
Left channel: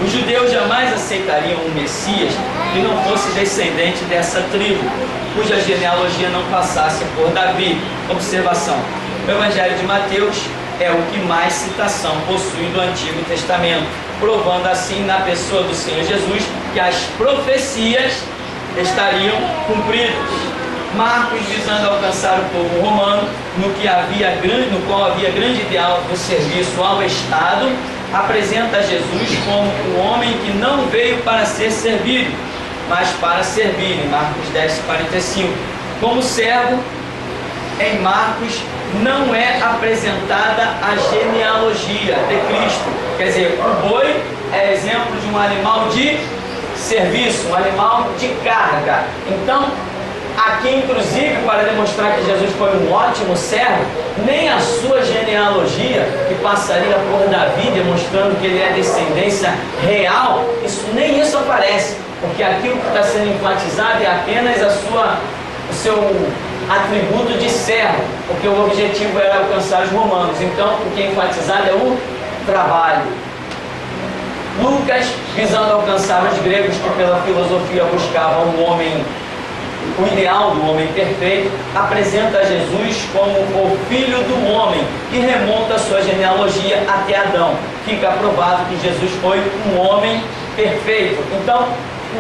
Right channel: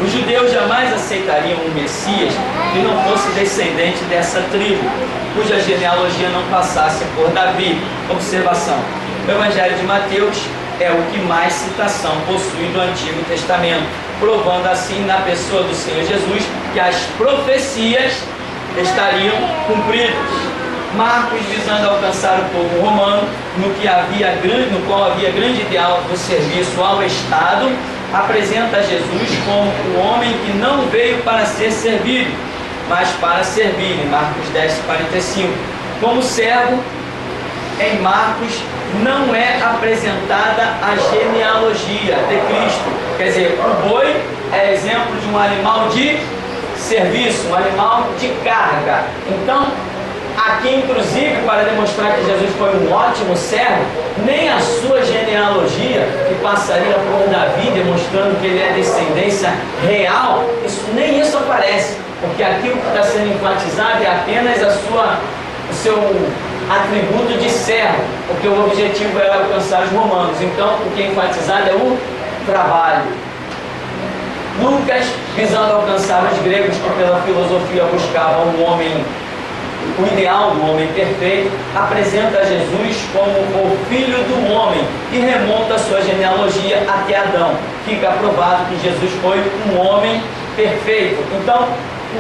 Os judeus jamais aceitariam um Messias que não fosse descendente dessa tribo, cuja genealogia não passasse por Davi. Observação: o Evangelho de Mateus é o que mais citação possui do Antigo Testamento, provando assim na pessoa do Senhor Jesus que as profecias estariam cumpridas. Marcos, visando alcançar o povo romano, no qual havia grande ideal do serviço ao Estado, apresenta Jesus como o homem que não veio para ser servido, mas para servir, em Marcos 10:45. Como servo, em Marcos não é apresentada a genealogia de Cristo. Quer dizer, o boi é exemplo de um animal de serviço, um animal de carga. Então, aqui inclusive, para demonstrar que Jesus foi um ótimo servo, nem a sua genealogia, que passaria por Davi, demonstrando que ele é descendência real, nem isso aparece, porque aquilo que está sendo enfatizado é apenas o seu atributo de servo, porque o objetivo era alcançar os romanos. Então, o que é enfatizado é o trabalho. Lucas, visando alcançar os gregos que pela filosofia buscavam o ideal do homem perfeito, apresenta Jesus como o filho do homem e remonta a sua genealogia até Adão. Fica provado que Jesus foi um homem perfeito. Então,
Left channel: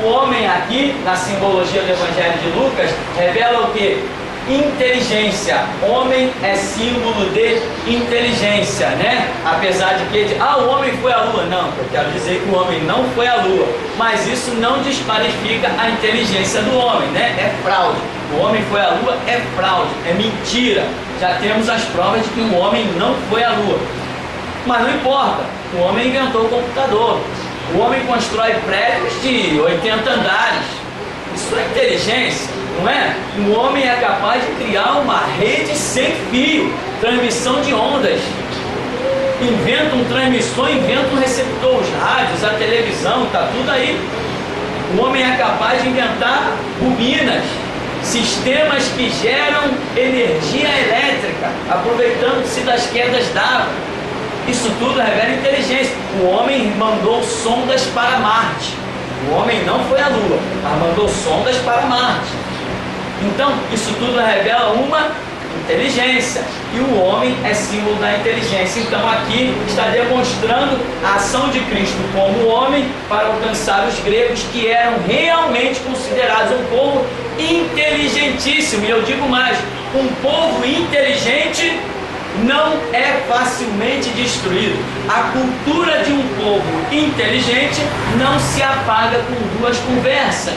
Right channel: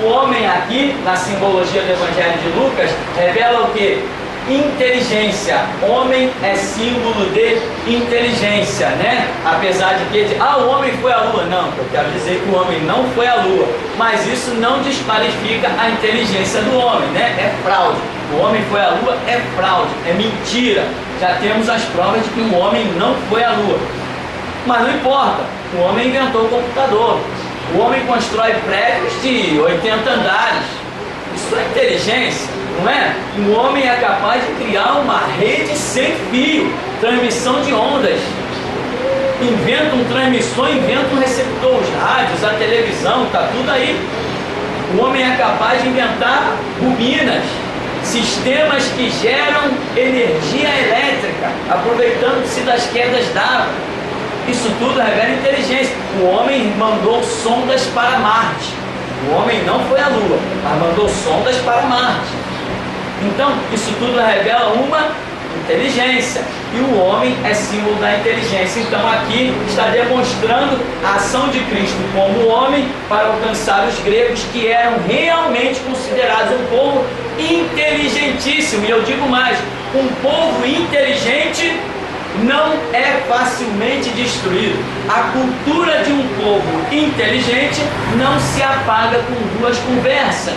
o homem aqui, na simbologia do Evangelho de Lucas, revela o que? Inteligência. Homem é símbolo de inteligência, né? Apesar de que o homem foi à lua. Não, eu quero dizer que o homem não foi à lua, mas isso não desqualifica a inteligência do homem, né? É fraude. O homem foi à lua é fraude, é mentira. Já temos as provas de que o homem não foi à lua. Mas não importa, o homem inventou o computador. O homem constrói prédios de 80 andares. Isso é inteligência, não é? O homem é capaz de criar uma rede sem fio, transmissão de ondas. Inventa um transmissor, inventa um receptor, os rádios, a televisão, está tudo aí. O homem é capaz de inventar bobinas, sistemas que geram energia elétrica, aproveitando-se das quedas d'água. Isso tudo revela inteligência. O homem mandou sondas para Marte. O homem não foi à Lua, mas mandou sondas para Marte. Então, isso tudo revela uma inteligência. E o homem é símbolo da inteligência. Então, aqui está demonstrando a ação de Cristo como homem para alcançar os gregos, que eram realmente considerados um povo inteligentíssimo. E eu digo mais, um povo inteligente não é facilmente destruído. A cultura de um povo inteligente não se apaga com duas conversas.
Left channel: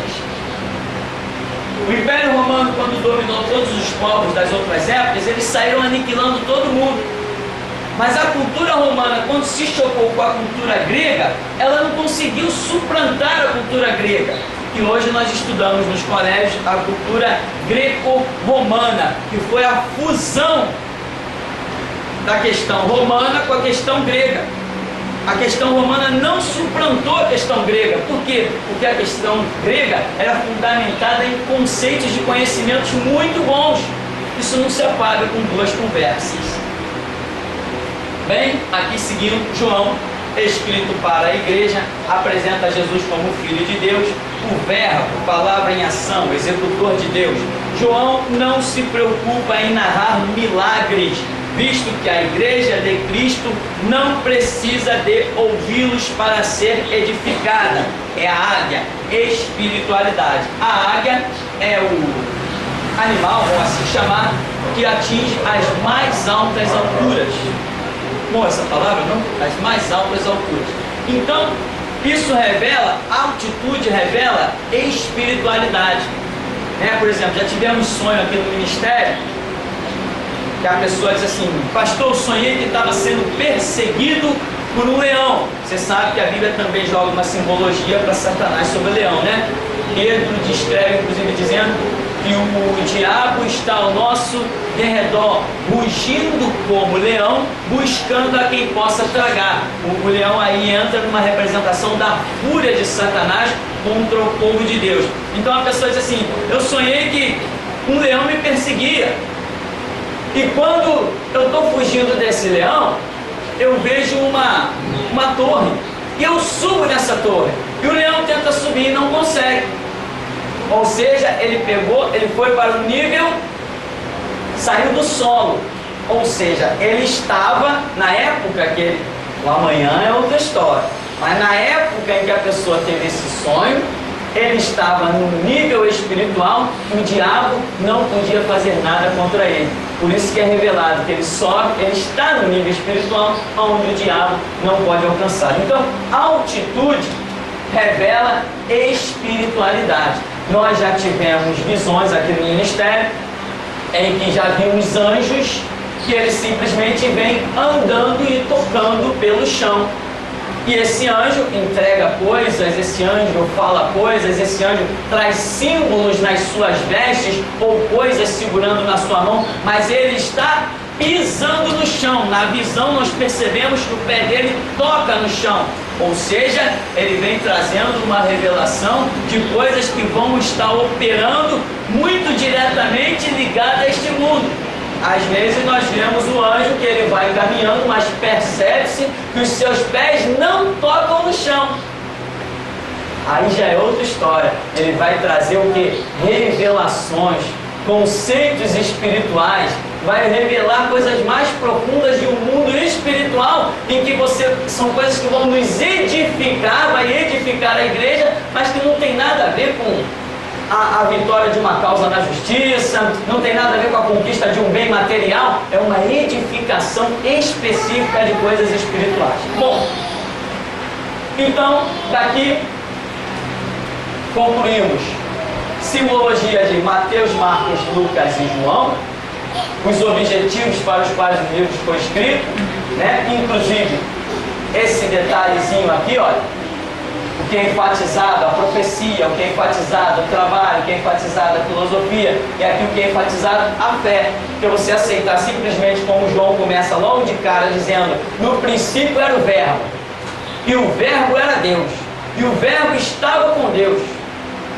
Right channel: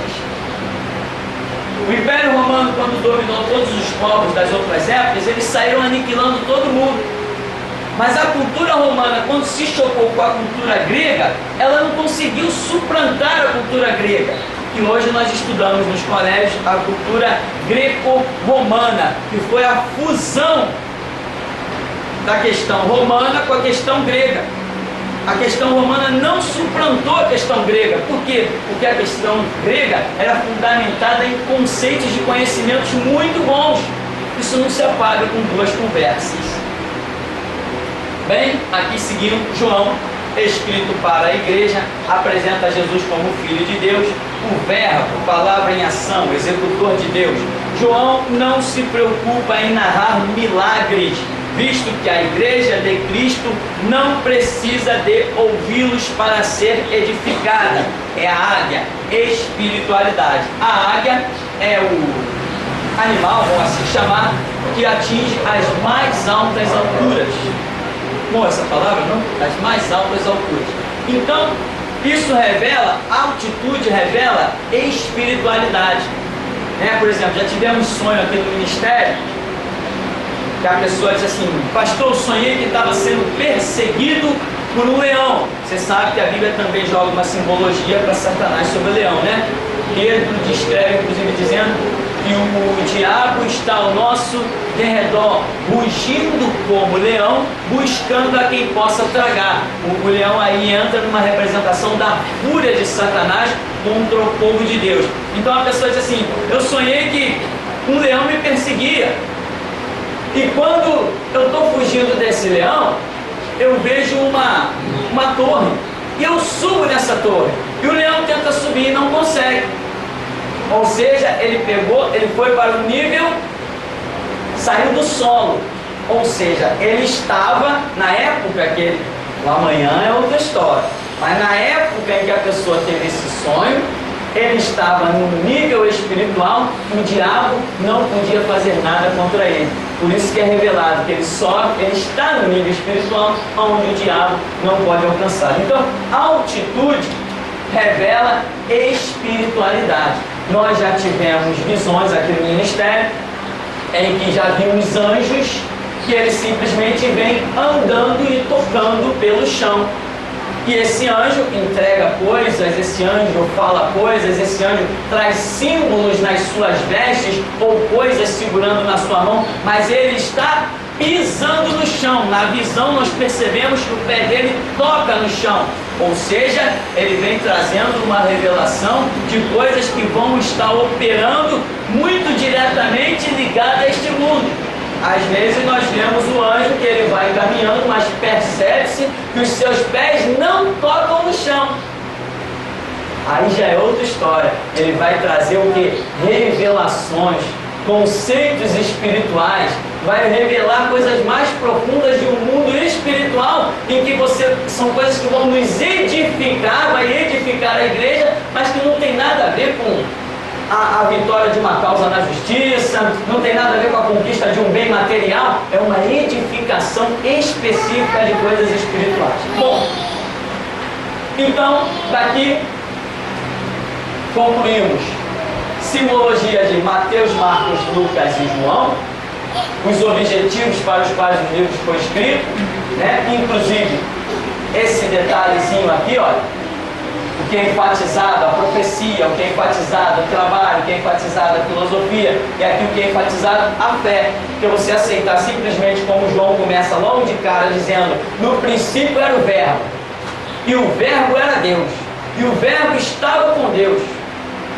O Império Romano, quando dominou todos os povos das outras épocas, eles saíram aniquilando todo mundo. Mas a cultura romana, quando se chocou com a cultura grega, ela não conseguiu suplantar a cultura grega. E hoje nós estudamos nos colégios a cultura greco-romana, que foi a fusão da questão romana com a questão grega. A questão romana não suplantou a questão grega. Por quê? Porque a questão grega era fundamentada em conceitos de conhecimentos muito bons. Isso não se apaga com duas conversas. Bem, aqui seguindo, João, escrito para a igreja, apresenta Jesus como Filho de Deus, o Verbo, palavra em ação, executor de Deus. João não se preocupa em narrar milagres, visto que a igreja de Cristo não precisa de ouvi-los para ser edificada. É a águia, espiritualidade. A águia é o animal, vamos assim chamar, que atinge as mais altas alturas. Bom, essa palavra, não? As mais altas alturas. Então, isso revela, altitude revela espiritualidade. Por exemplo, já tivemos sonho aqui no ministério, que a pessoa diz assim: pastor, eu sonhei que estava sendo perseguido por um leão. Você sabe que a Bíblia também joga uma simbologia para Satanás sobre o leão, né? Pedro descreve, inclusive, dizendo que o diabo está ao nosso derredor, rugindo como leão, buscando a quem possa tragar. O leão aí entra numa representação da fúria de Satanás contra o povo de Deus. Então a pessoa diz assim: eu sonhei que um leão me perseguia, e quando eu estou fugindo desse leão, eu vejo uma torre, e eu subo nessa torre, e o leão tenta subir e não consegue. Ou seja, ele foi para o nível, saiu do solo. Ou seja, ele estava, na época que o amanhã é outra história, mas na época em que a pessoa teve esse sonho, ele estava no nível espiritual e o diabo não podia fazer nada contra ele. Por isso que é revelado que ele está no nível espiritual onde o diabo não pode alcançar. Então, altitude revela espiritualidade. Nós já tivemos visões aqui no ministério em que já vimos anjos que eles simplesmente vêm andando e tocando pelo chão. E esse anjo entrega coisas, esse anjo fala coisas, esse anjo traz símbolos nas suas vestes ou coisas segurando na sua mão, mas ele está pisando no chão. Na visão nós percebemos que o pé dele toca no chão. Ou seja, ele vem trazendo uma revelação de coisas que vão estar operando muito diretamente ligada a este mundo. Às vezes nós vemos o anjo que ele vai caminhando, mas percebe-se que os seus pés não tocam no chão. Aí já é outra história. Ele vai trazer o que? Revelações, conceitos espirituais, vai revelar coisas mais profundas de um mundo espiritual, em que são coisas que vão nos edificar, vai edificar a igreja, mas que não tem nada a ver com a vitória de uma causa na justiça, não tem nada a ver com a conquista de um bem material, é uma edificação específica de coisas espirituais. Bom, então daqui concluímos simbologia de Mateus, Marcos, Lucas e João, os objetivos para os quais o livro foi escrito, inclusive esse detalhezinho aqui, olha, o que é enfatizado, a profecia, o que é enfatizado, o trabalho, o que é enfatizado, a filosofia, e aqui o que é enfatizado, a fé. Que você aceitar simplesmente como João começa logo de cara dizendo: no princípio era o Verbo, e o Verbo era Deus, e o Verbo estava com Deus.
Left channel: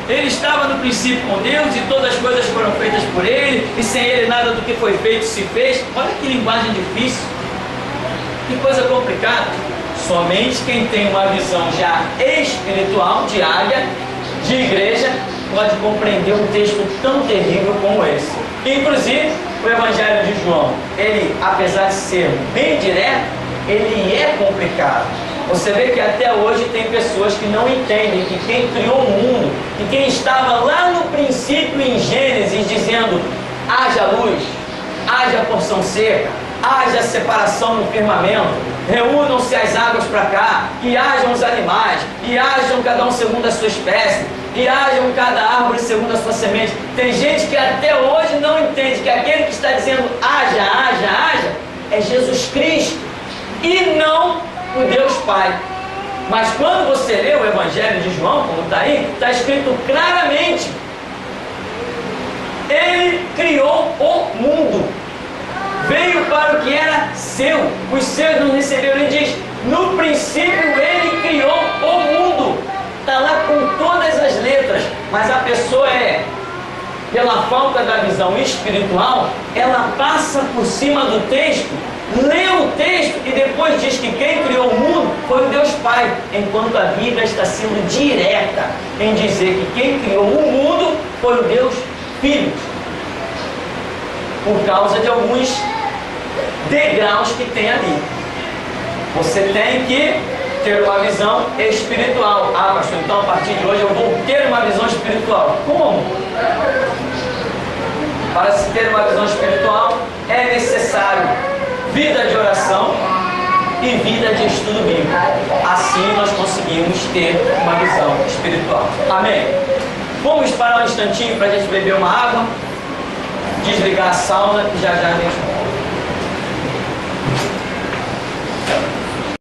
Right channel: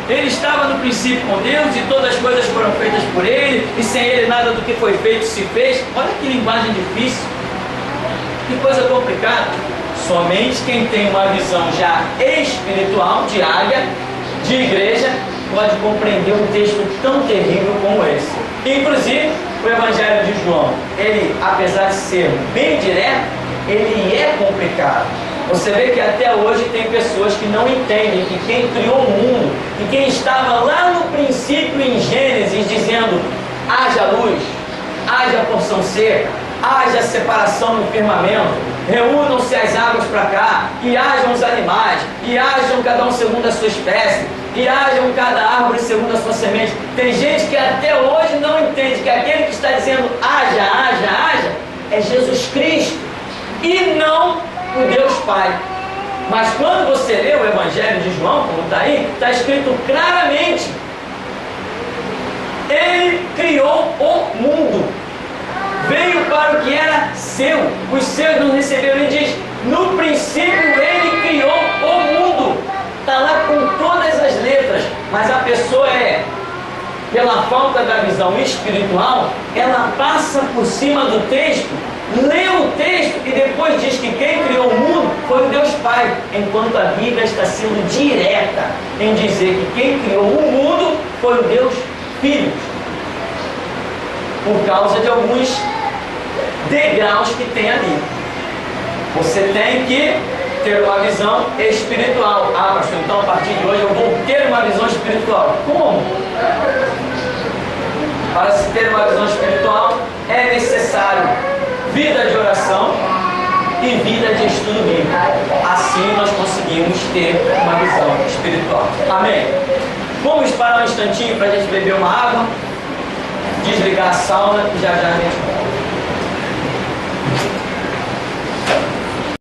Ele estava no princípio com Deus, e todas as coisas foram feitas por Ele, e sem Ele nada do que foi feito se fez. Olha que linguagem difícil, que coisa complicada. Somente quem tem uma visão já espiritual, de águia, de igreja, pode compreender um texto tão terrível como esse. Inclusive, o Evangelho de João, ele, apesar de ser bem direto, ele é complicado. Você vê que até hoje tem pessoas que não entendem que quem criou o mundo, e quem estava lá no princípio em Gênesis dizendo: haja luz, haja porção seca, haja separação no firmamento, reúnam-se as águas para cá, e hajam os animais, e hajam cada um segundo a sua espécie, e hajam cada árvore segundo a sua semente. Tem gente que até hoje não entende que aquele que está dizendo haja, haja, haja, é Jesus Cristo, e não o Deus Pai. Mas quando você lê o Evangelho de João, como está aí, está escrito claramente: Ele criou o mundo, veio para o que era seu, os seus não receberam. Ele diz: No princípio Ele criou o mundo. Está lá com todas as letras. Mas a pessoa pela falta da visão espiritual, ela passa por cima do texto, lê o texto e depois diz que quem criou o mundo foi o Deus Pai, enquanto a Bíblia está sendo direta em dizer que quem criou o mundo foi o Deus Filho, por causa de alguns degraus que tem ali. Você tem que ter uma visão espiritual. Ah, pastor, então a partir de hoje eu vou ter uma visão espiritual. Como? Para se ter uma visão espiritual é necessário vida de oração e vida de estudo bíblico. Assim nós conseguimos ter uma visão espiritual. Amém? Vamos parar um instantinho para a gente beber uma água, desligar a sauna e já já a gente